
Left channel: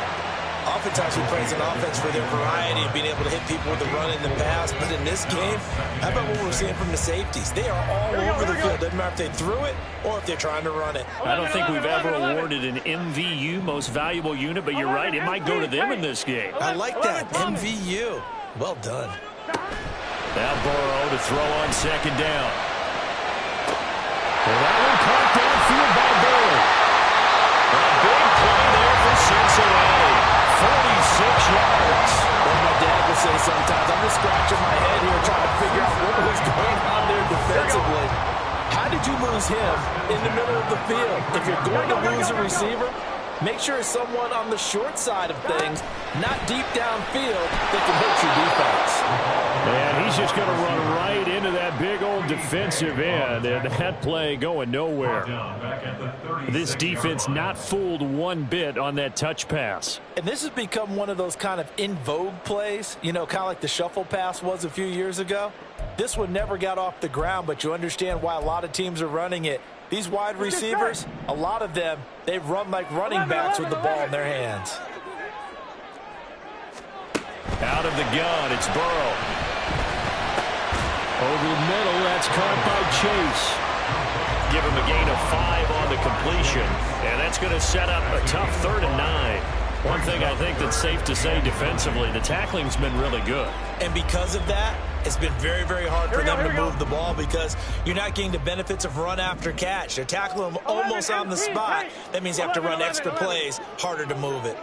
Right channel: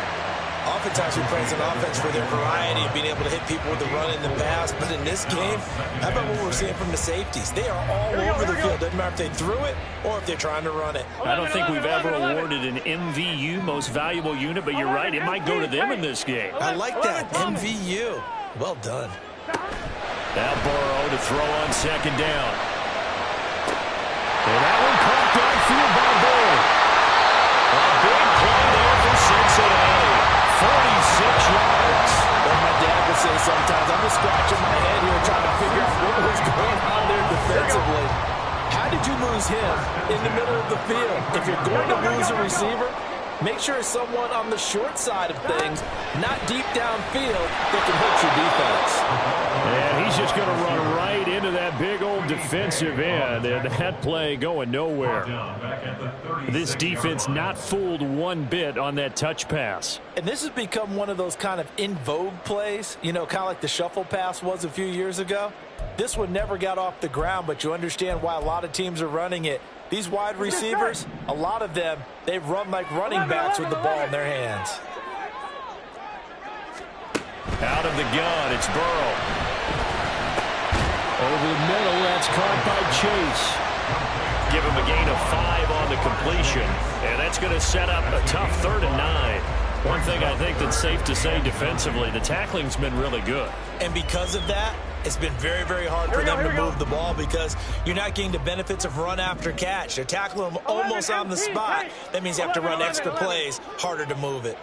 Oftentimes we praise an offense for their variety of being able to hit people with the run in the pass. But in this game, how about what we're seeing from the safeties? They are all over the field. Doesn't matter if they threw it or if they're trying to run it. I don't think we've ever awarded an MVU, most valuable unit, but you're right. It might go to them in this game. I like that. MVU. Well done. Now Burrow to throw on 2nd down. And that one caught downfield by Burrow. A big play there for Cincinnati. 46 yards. Well, my dad would say sometimes, I'm just scratching my head here trying to figure out what was going on there defensively. How did you lose him in the middle of the field? If you're going to lose a receiver, make sure it's someone on the short side of things, not deep downfield, that can hurt your defense. And he's just going to run right into that big old defensive end, and that play going nowhere. This defense not fooled one bit on that touch pass. And this has become one of those kind of in vogue plays, you know, kind of like the shuffle pass was a few years ago. This one never got off the ground, but you understand why a lot of teams are running it. These wide receivers, a lot of them, they run like running backs with the ball in their hands. Out of the gun, it's Burrow. Over the middle, that's caught by Chase. Give him a gain of 5 on the completion, and that's going to set up a tough 3rd and 9. One thing I think that's safe to say defensively, the tackling's been really good. And because of that, It's been very, very hard for them to move the ball because you're not getting the benefits of run after catch. They're tackling them almost on the spot. That means you have to run extra plays, harder to move it.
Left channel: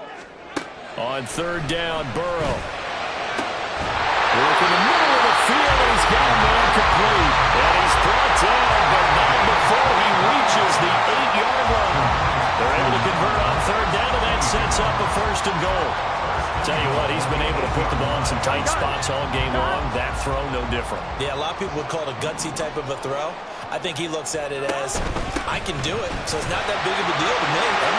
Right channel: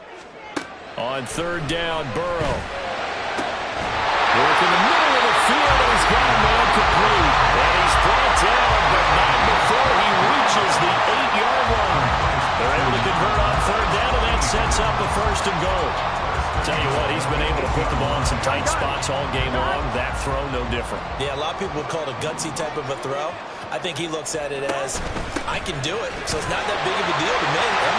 On third down, Burrow. Work in the middle of the field, and he's got a man complete. And he's brought down, but not before he reaches the 8-yard line. They're able to convert on third down, and that sets up a first and goal. Tell you what, he's been able to put the ball in some tight spots all game long. That throw, no different. Yeah, a lot of people would call it a gutsy type of a throw. I think he looks at it as, I can do it, so it's not that big of a deal to me. And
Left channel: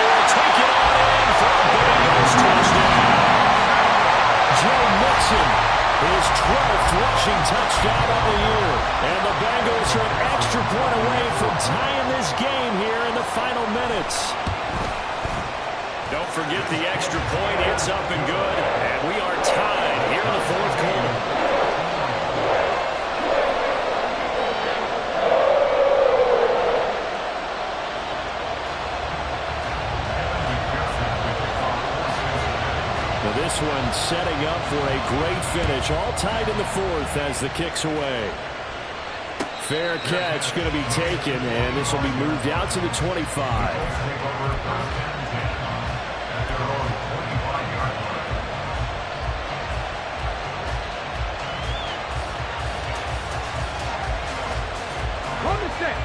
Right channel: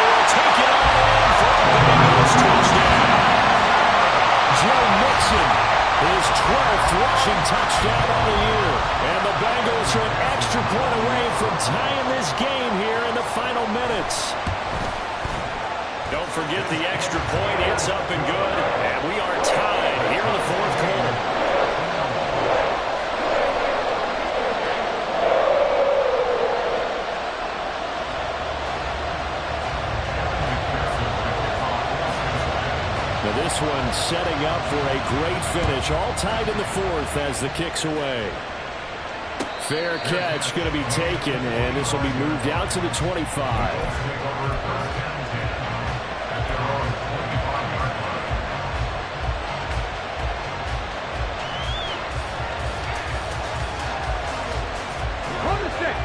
he will take it on in for a Bengals touchdown. Joe Mixon, his 12th rushing touchdown on the year. And the Bengals are an extra point away from tying this game here in the final minutes. Don't forget the extra point. It's up and good. And we are tied here in the fourth quarter. Now this one setting up for a great finish. All tied in the fourth as the kick's away. Fair catch going to be taken, and this will be moved out to the 25.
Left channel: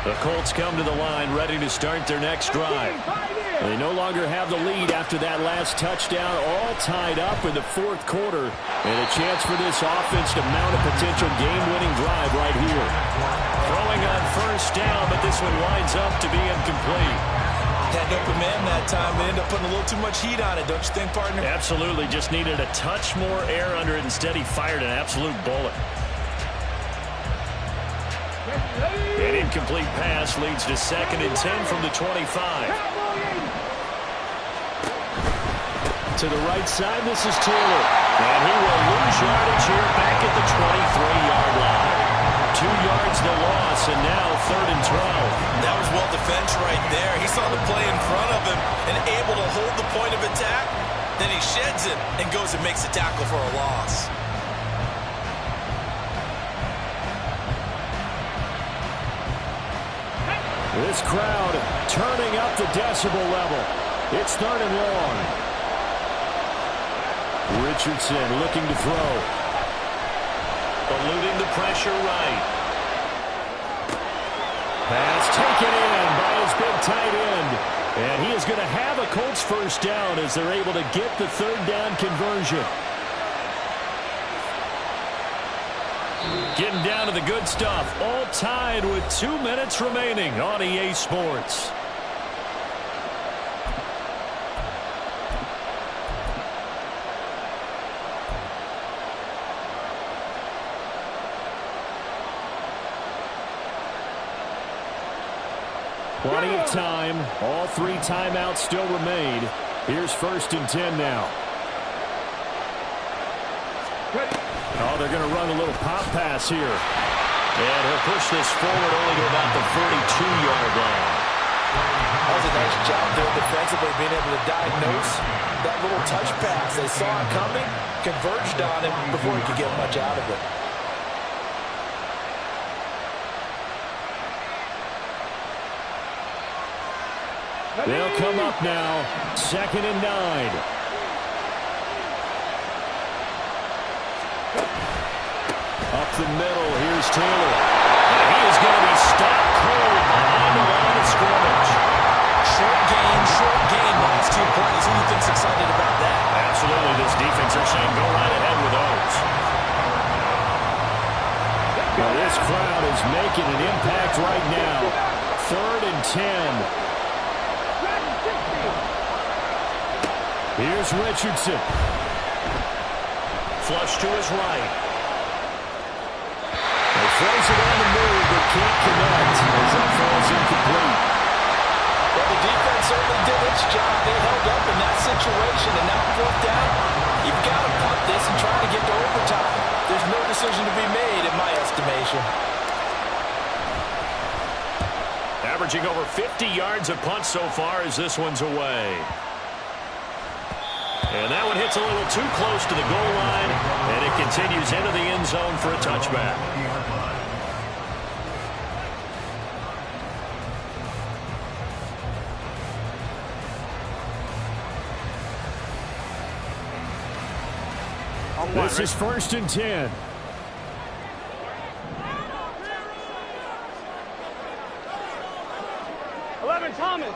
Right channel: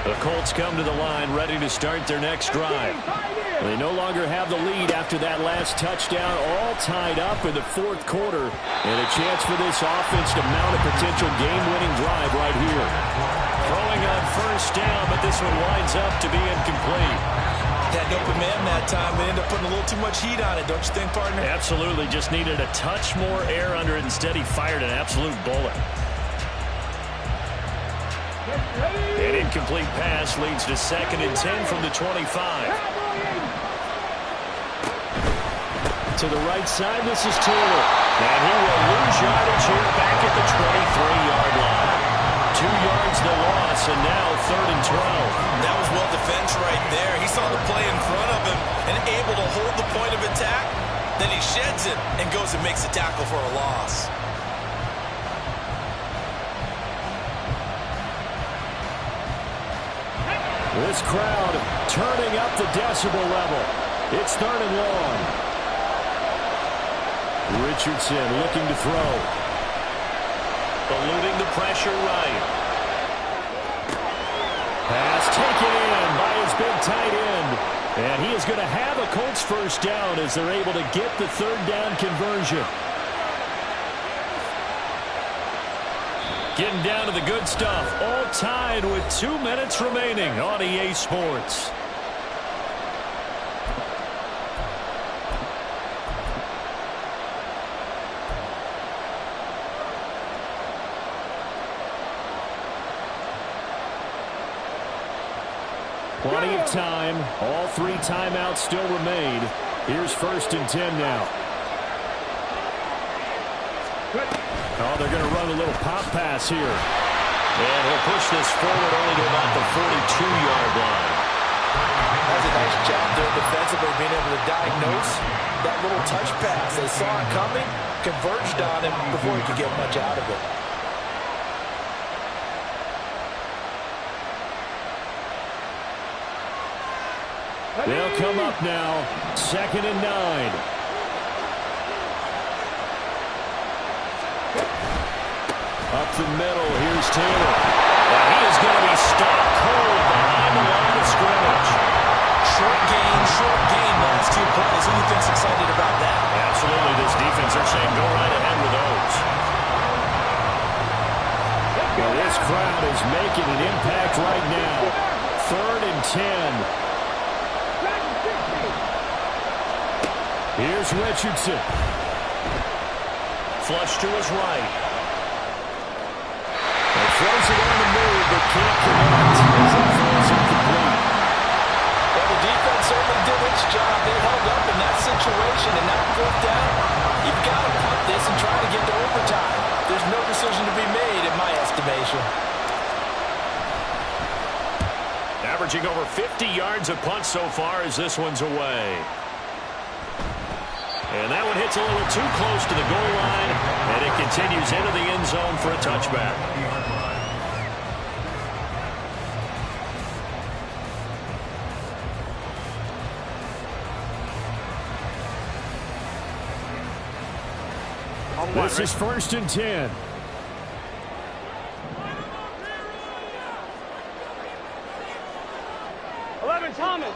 The Colts come to the line ready to start their next drive. They no longer have the lead after that last touchdown, all tied up in the fourth quarter, and a chance for this offense to mount a potential game-winning drive right here. Throwing on first down, but this one winds up to be incomplete. Had an open man that time, but ended up putting a little too much heat on it, don't you think, partner? Absolutely, just needed a touch more air under it. Instead, he fired an absolute bullet. An incomplete pass leads to 2nd and 10 from the 25. To the right side, this is Taylor. And he will lose yardage here back at the 23-yard line. 2 yards the loss, and now 3rd and 12. That was well defense right there. He saw the play in front of him and able to hold the point of attack. Then he sheds it and goes and makes a tackle for a loss. This crowd turning up the decibel level. It's 3rd and long. Richardson looking to throw. Eluding the pressure right. Pass taken in by his big tight end. And he is going to have a Colts first down as they're able to get the 3rd down conversion. Getting down to the good stuff. All tied with 2 minutes remaining on EA Sports. Plenty of time. All 3 timeouts still remain. Here's 1st and 10 now. Oh, they're going to run a little pop pass here. And he'll push this forward only to about the 42-yard line. That was a nice job there defensively, being able to diagnose that little touch pass. They saw it coming, converged on him before he could get much out of it. They'll come up now, 2nd and 9. Up the middle, here's Taylor. And he is going to be stopped cold behind the line of scrimmage. Short gain, last 2 plays. Who do you think's excited about that? Absolutely, this defense, they're saying go right ahead with those. Well, this crowd is making an impact right now. 3rd and 10. Here's Richardson. Flush to his right. He throws it on the move, but can't connect as that falls incomplete. Well, the defense certainly did its job. They held up in that situation, and now 4th down, you've got to punt this and try to get to overtime. There's no decision to be made, in my estimation. Averaging over 50 yards a punt so far as this one's away. And that one hits a little too close to the goal line, and it continues into the end zone for a touchback. This is 1st and 10. Thomas.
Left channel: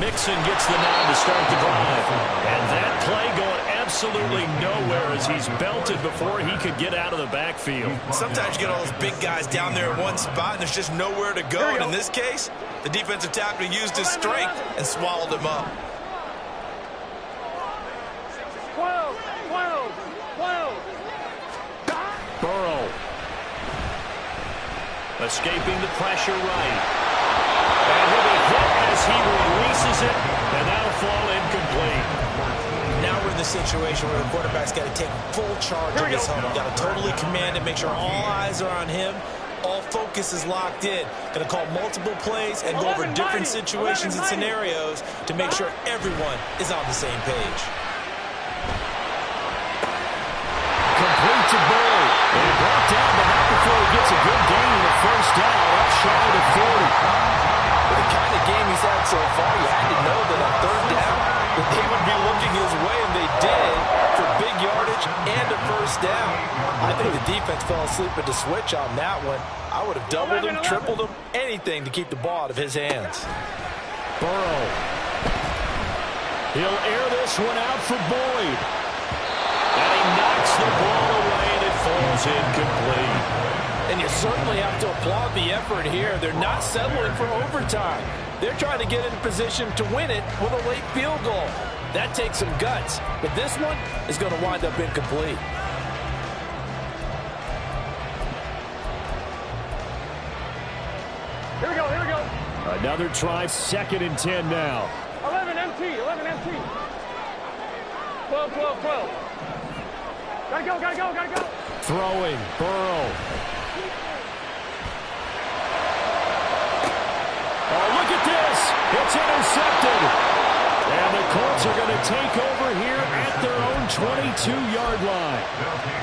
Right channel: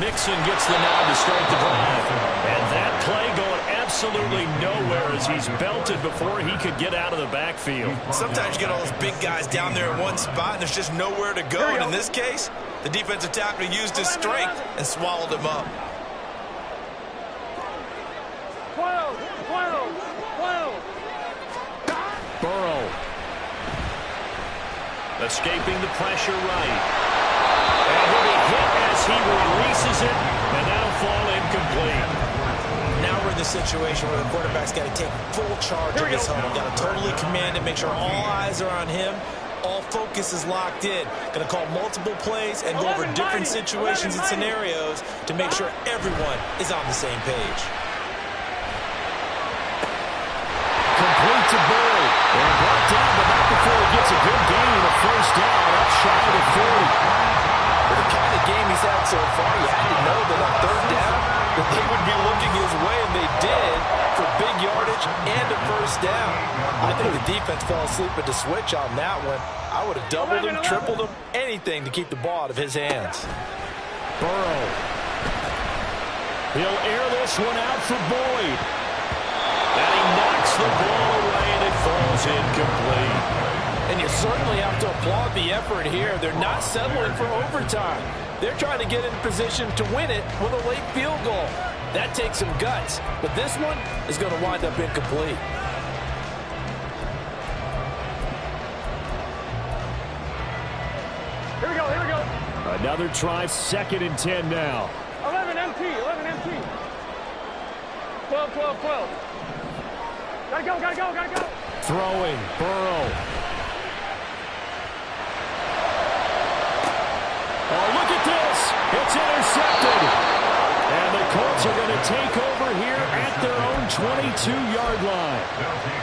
Mixon gets the nod to start the drive. And that play going absolutely nowhere as he's belted before he could get out of the backfield. Sometimes you get all those big guys down there in one spot and there's just nowhere to go. And in this case, the defensive tackle used his strength and swallowed him up. 12. Burrow. Escaping the pressure right. And he'll be hit as he releases it, and that'll fall incomplete. Now we're in the situation where the quarterback's got to take full charge of his huddle. Got to totally command it, make sure all eyes are on him. All focus is locked in. Going to call multiple plays and go over different situations and scenarios to make sure everyone is on the same page. Complete to Boyd. And brought down, but not before he gets a good gain of a first down up shy of the 40. With the kind of game he's had so far, you had to know that on 3rd down, that they would be looking his way, and they did, for big yardage and a first down. I think the defense fell asleep at the switch on that one. I would have doubled him, tripled him, anything to keep the ball out of his hands. Burrow. He'll air this one out for Boyd. And he knocks the ball away, and it falls incomplete. And you certainly have to applaud the effort here. They're not settling for overtime. They're trying to get in position to win it with a late field goal. That takes some guts, but this one is going to wind up incomplete. Here we go. Another try, 2nd and 10 now. 11 MT. 12. Gotta go. Throwing, Burrow. Oh, look at this. It's intercepted. And the Colts are going to take over here at their own 22-yard line.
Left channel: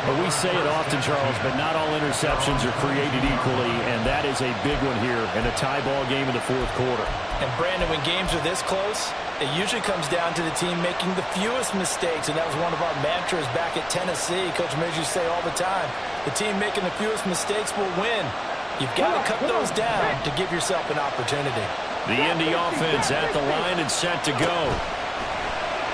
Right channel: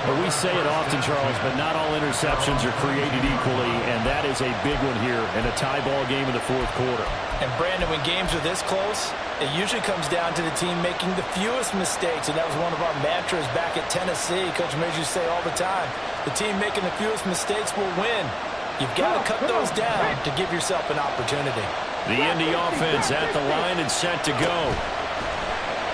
But we say it often, Charles, but not all interceptions are created equally, and that is a big one here in a tie ball game in the 4th quarter. And, Brandon, when games are this close, it usually comes down to the team making the fewest mistakes, and that was one of our mantras back at Tennessee. Coach Major used to say all the time, the team making the fewest mistakes will win. You've got to cut those down to give yourself an opportunity. The Indy offense at the line and set to go.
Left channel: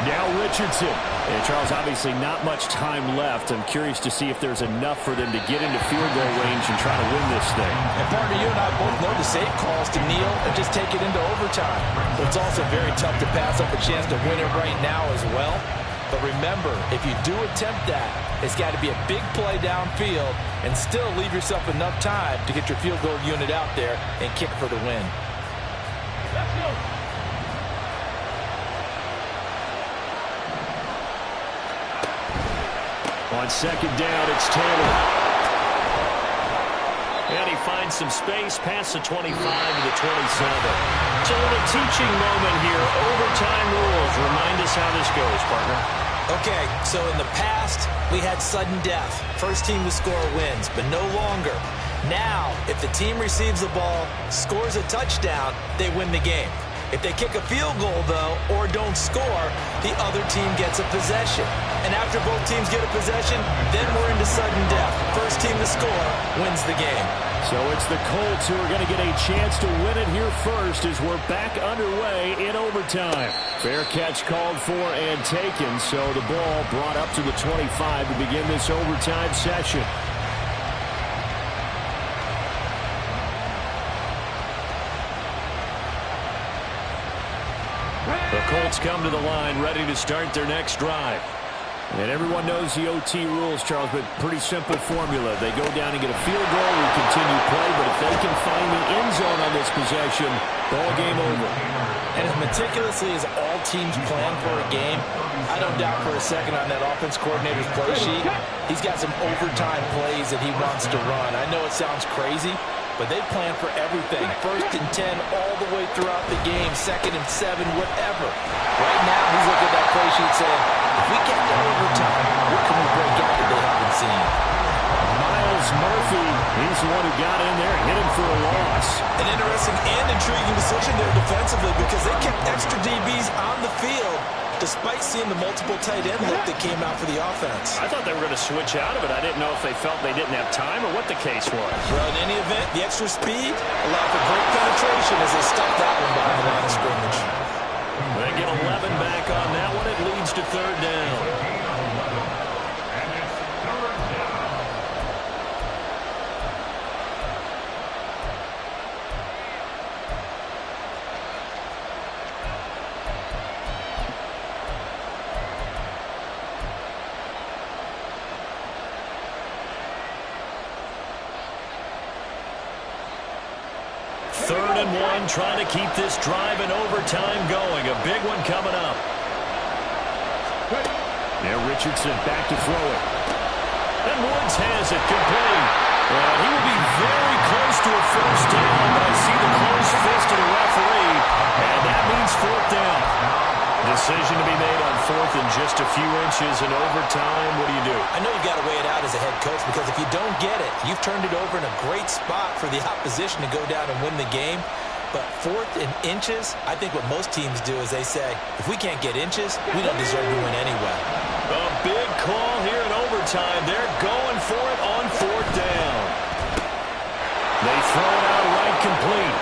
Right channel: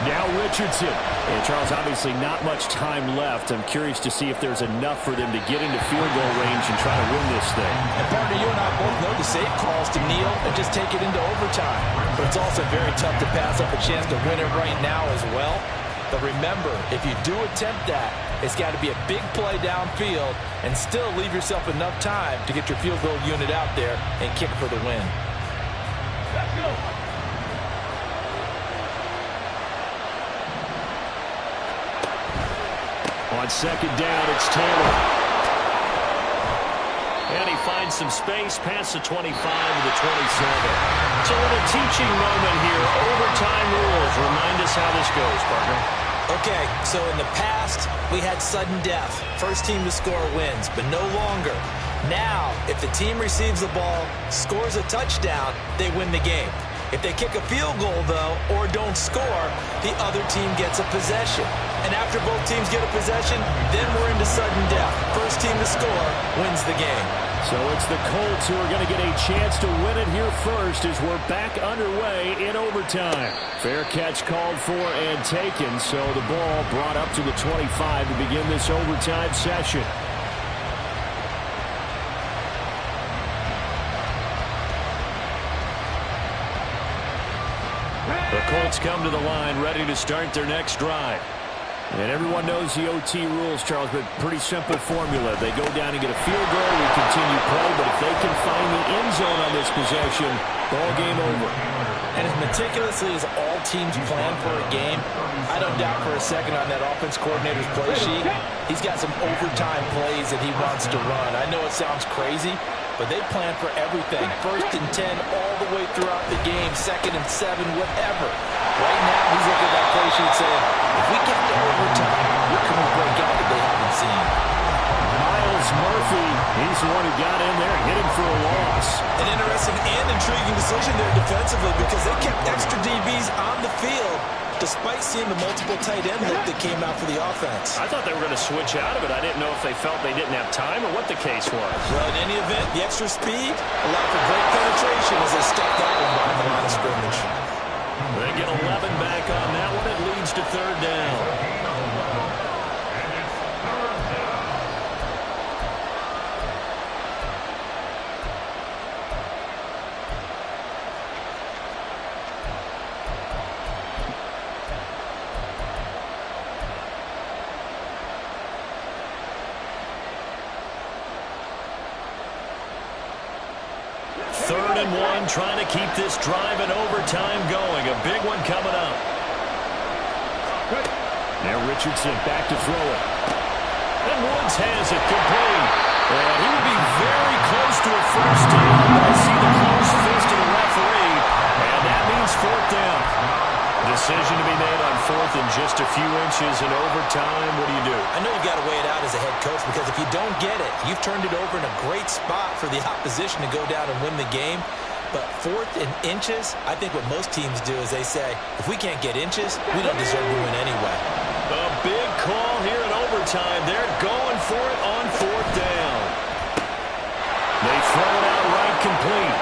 Now Richardson. And Charles, obviously not much time left. I'm curious to see if there's enough for them to get into field goal range and try to win this thing. And partner, you and I both know the safe calls to kneel and just take it into overtime. But it's also very tough to pass up a chance to win it right now as well. But remember, if you do attempt that, it's got to be a big play downfield and still leave yourself enough time to get your field goal unit out there and kick for the win. Let's go. On 2nd down, it's Taylor. And he finds some space past the 25 to the 27. It's a little teaching moment here. Overtime rules. Remind us how this goes, partner. Okay, so in the past, we had sudden death. First team to score wins, but no longer. Now, if the team receives the ball, scores a touchdown, they win the game. If they kick a field goal, though, or don't score, the other team gets a possession. And after both teams get a possession, then we're into sudden death. First team to score wins the game. So it's the Colts who are going to get a chance to win it here first as we're back underway in overtime. Fair catch called for and taken, so the ball brought up to the 25 to begin this overtime session. The Colts come to the line ready to start their next drive. And everyone knows the OT rules, Charles, but pretty simple formula. They go down and get a field goal, we continue play, but if they can find the end zone on this possession, ball game over. And as meticulously as all teams plan for a game, I don't doubt for a second on that offense coordinator's play sheet, he's got some overtime plays that he wants to run. I know it sounds crazy, but they plan for everything. 1st and 10 all the way throughout the game, 2nd and 7, whatever. Right now, he's looking at that play sheet saying, if we get to overtime, what can we break out that they haven't seen? Miles Murphy, he's the one who got in there and hit him for a loss. An interesting and intriguing decision there defensively because they kept extra DBs on the field despite seeing the multiple tight end look that came out for the offense. I thought they were going to switch out of it. I didn't know if they felt they didn't have time or what the case was. Well, in any event, the extra speed allowed for great penetration as they stuffed that one behind the line of scrimmage. They get 11 back on that one. It leads to 3rd down. And it's 3rd down. Third and 1, trying to keep this drive in overtime going. A big one coming up. Now Richardson back to throw it. And Woods has it complete. And he will be very close to a 1st down, but I see the closed fist of the referee, and that means 4th down. Decision to be made on 4th and just a few inches in overtime. What do you do? I know you've got to weigh it out as a head coach because if you don't get it, you've turned it over in a great spot for the opposition to go down and win the game. But 4th and inches, I think what most teams do is they say, if we can't get inches, we don't deserve to win anyway. A big call here in overtime. They're going for it on 4th down. They throw it out right complete.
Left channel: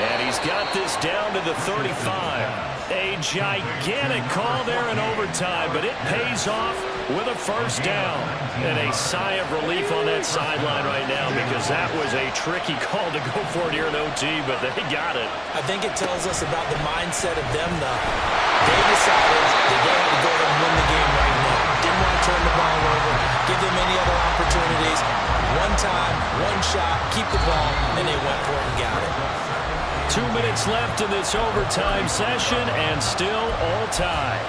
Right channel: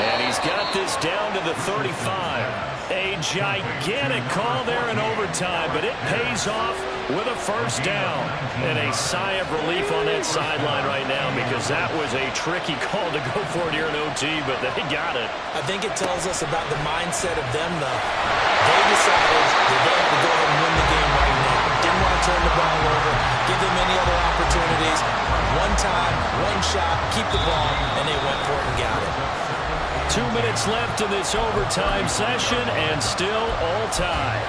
And he's got this down to the 35. A gigantic call there in overtime, but it pays off with a 1st down. And a sigh of relief on that sideline right now because that was a tricky call to go for it here in OT, but they got it. I think it tells us about the mindset of them, though. They decided that they had to go ahead and win the game right now. Didn't want to turn the ball over, give them any other opportunities. One time, one shot, keep the ball, and they went for it and got it. 2 minutes left in this overtime session, and still all tied.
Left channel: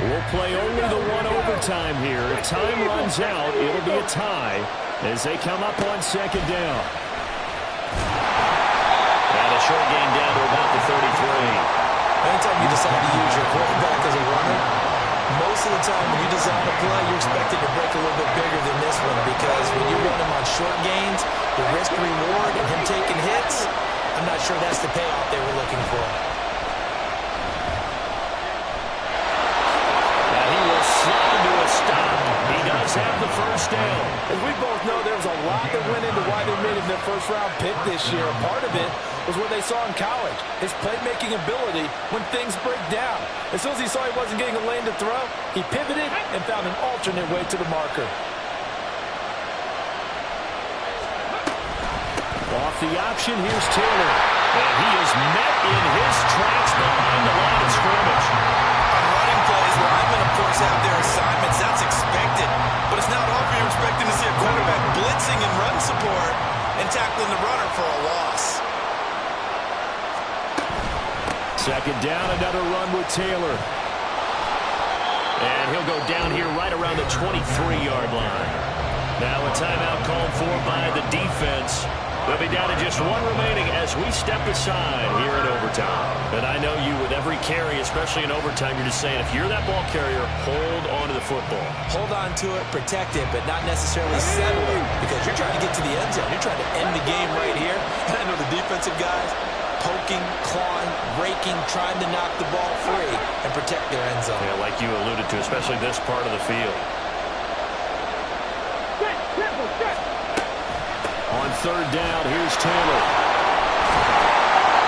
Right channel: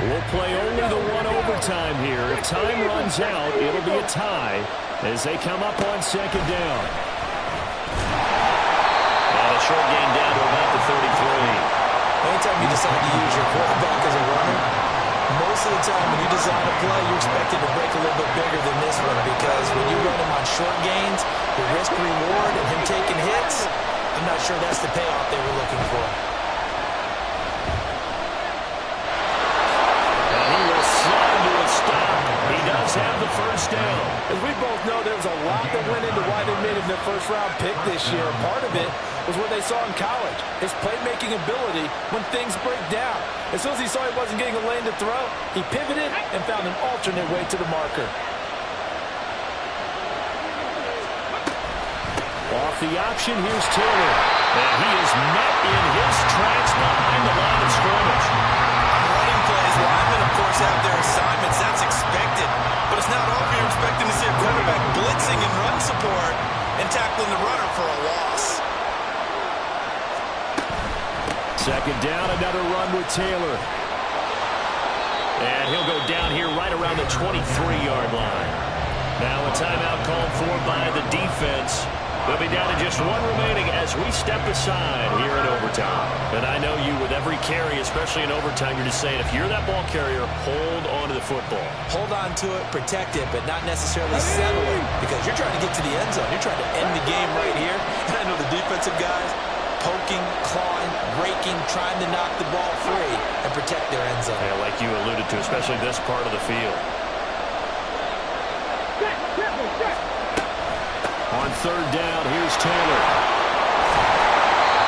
We'll play only the one overtime here. If time runs out, it'll be a tie as they come up on 2nd down. And a short gain down to about the 33. Anytime you decide to use your quarterback as a runner, most of the time when you design a play, you're expected to break a little bit bigger than this one because when you run him on short gains, the risk-reward and him taking hits, I'm not sure that's the payoff they were looking for. And he will slide to a stop. He does have the 1st down. As we both know, there was a lot that went into why they made him their 1st-round pick this year. Part of it was what they saw in college, his playmaking ability when things break down. As soon as he saw he wasn't getting a lane to throw, he pivoted and found an alternate way to the marker. Off the option, here's Taylor. And he is met in his tracks behind the line of scrimmage. On running plays, linemen, of course, have their assignments. That's expected. But it's not often you're expecting to see a quarterback blitzing in run support and tackling the runner for a loss. 2nd down, another run with Taylor. And he'll go down here right around the 23-yard line. Now a timeout called for by the defense. They'll be down to just one remaining as we step aside here in overtime. And I know you with every carry, especially in overtime, you're just saying if you're that ball carrier, hold on to the football. Hold on to it, protect it, but not necessarily settle it because you're trying to get to the end zone. You're trying to end the game right here. And I know the defensive guys poking, clawing, raking, trying to knock the ball free and protect their end zone. Yeah, like you alluded to, especially this part of the field. On 3rd down, here's Taylor.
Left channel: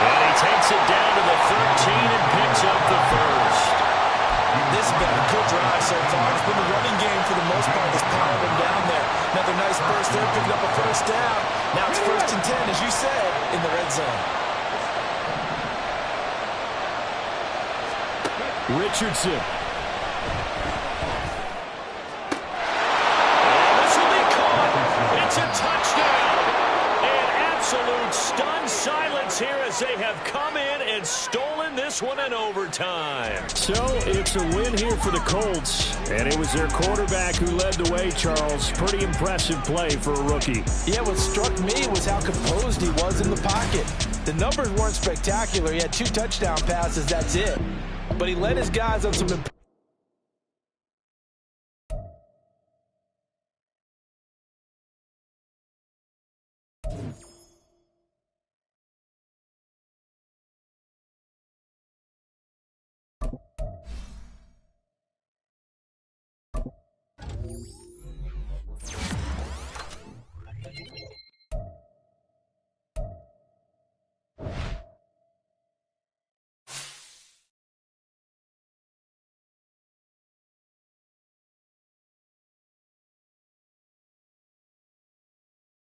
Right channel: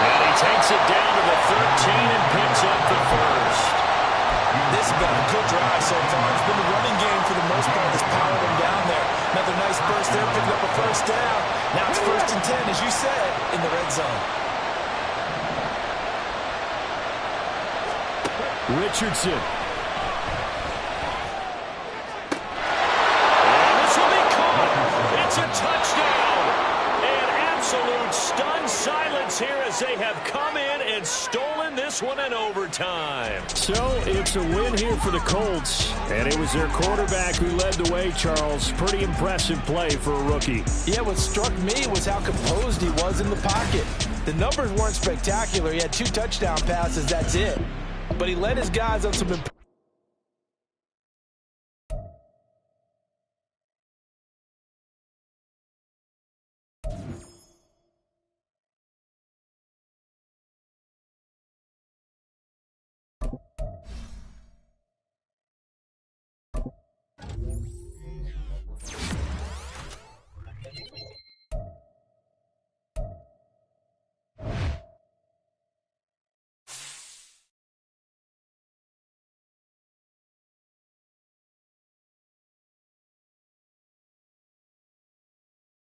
And he takes it down to the 13 and picks up the 1st. This has been a good drive so far. It's been the running game for the most part that's powered them down there. Another nice burst there, picking up a 1st down. Now it's 1st and 10, as you said, in the red zone. Richardson. And this will be caught. It's a touchdown. And absolute stunned silence here as as they have come in and stolen this one in overtime. So it's a win here for the Colts, and it was their quarterback who led the way, Charles. Pretty impressive play for a rookie. Yeah, what struck me was how composed he was in the pocket. The numbers weren't spectacular. He had 2 touchdown passes, that's it. But he led his guys on some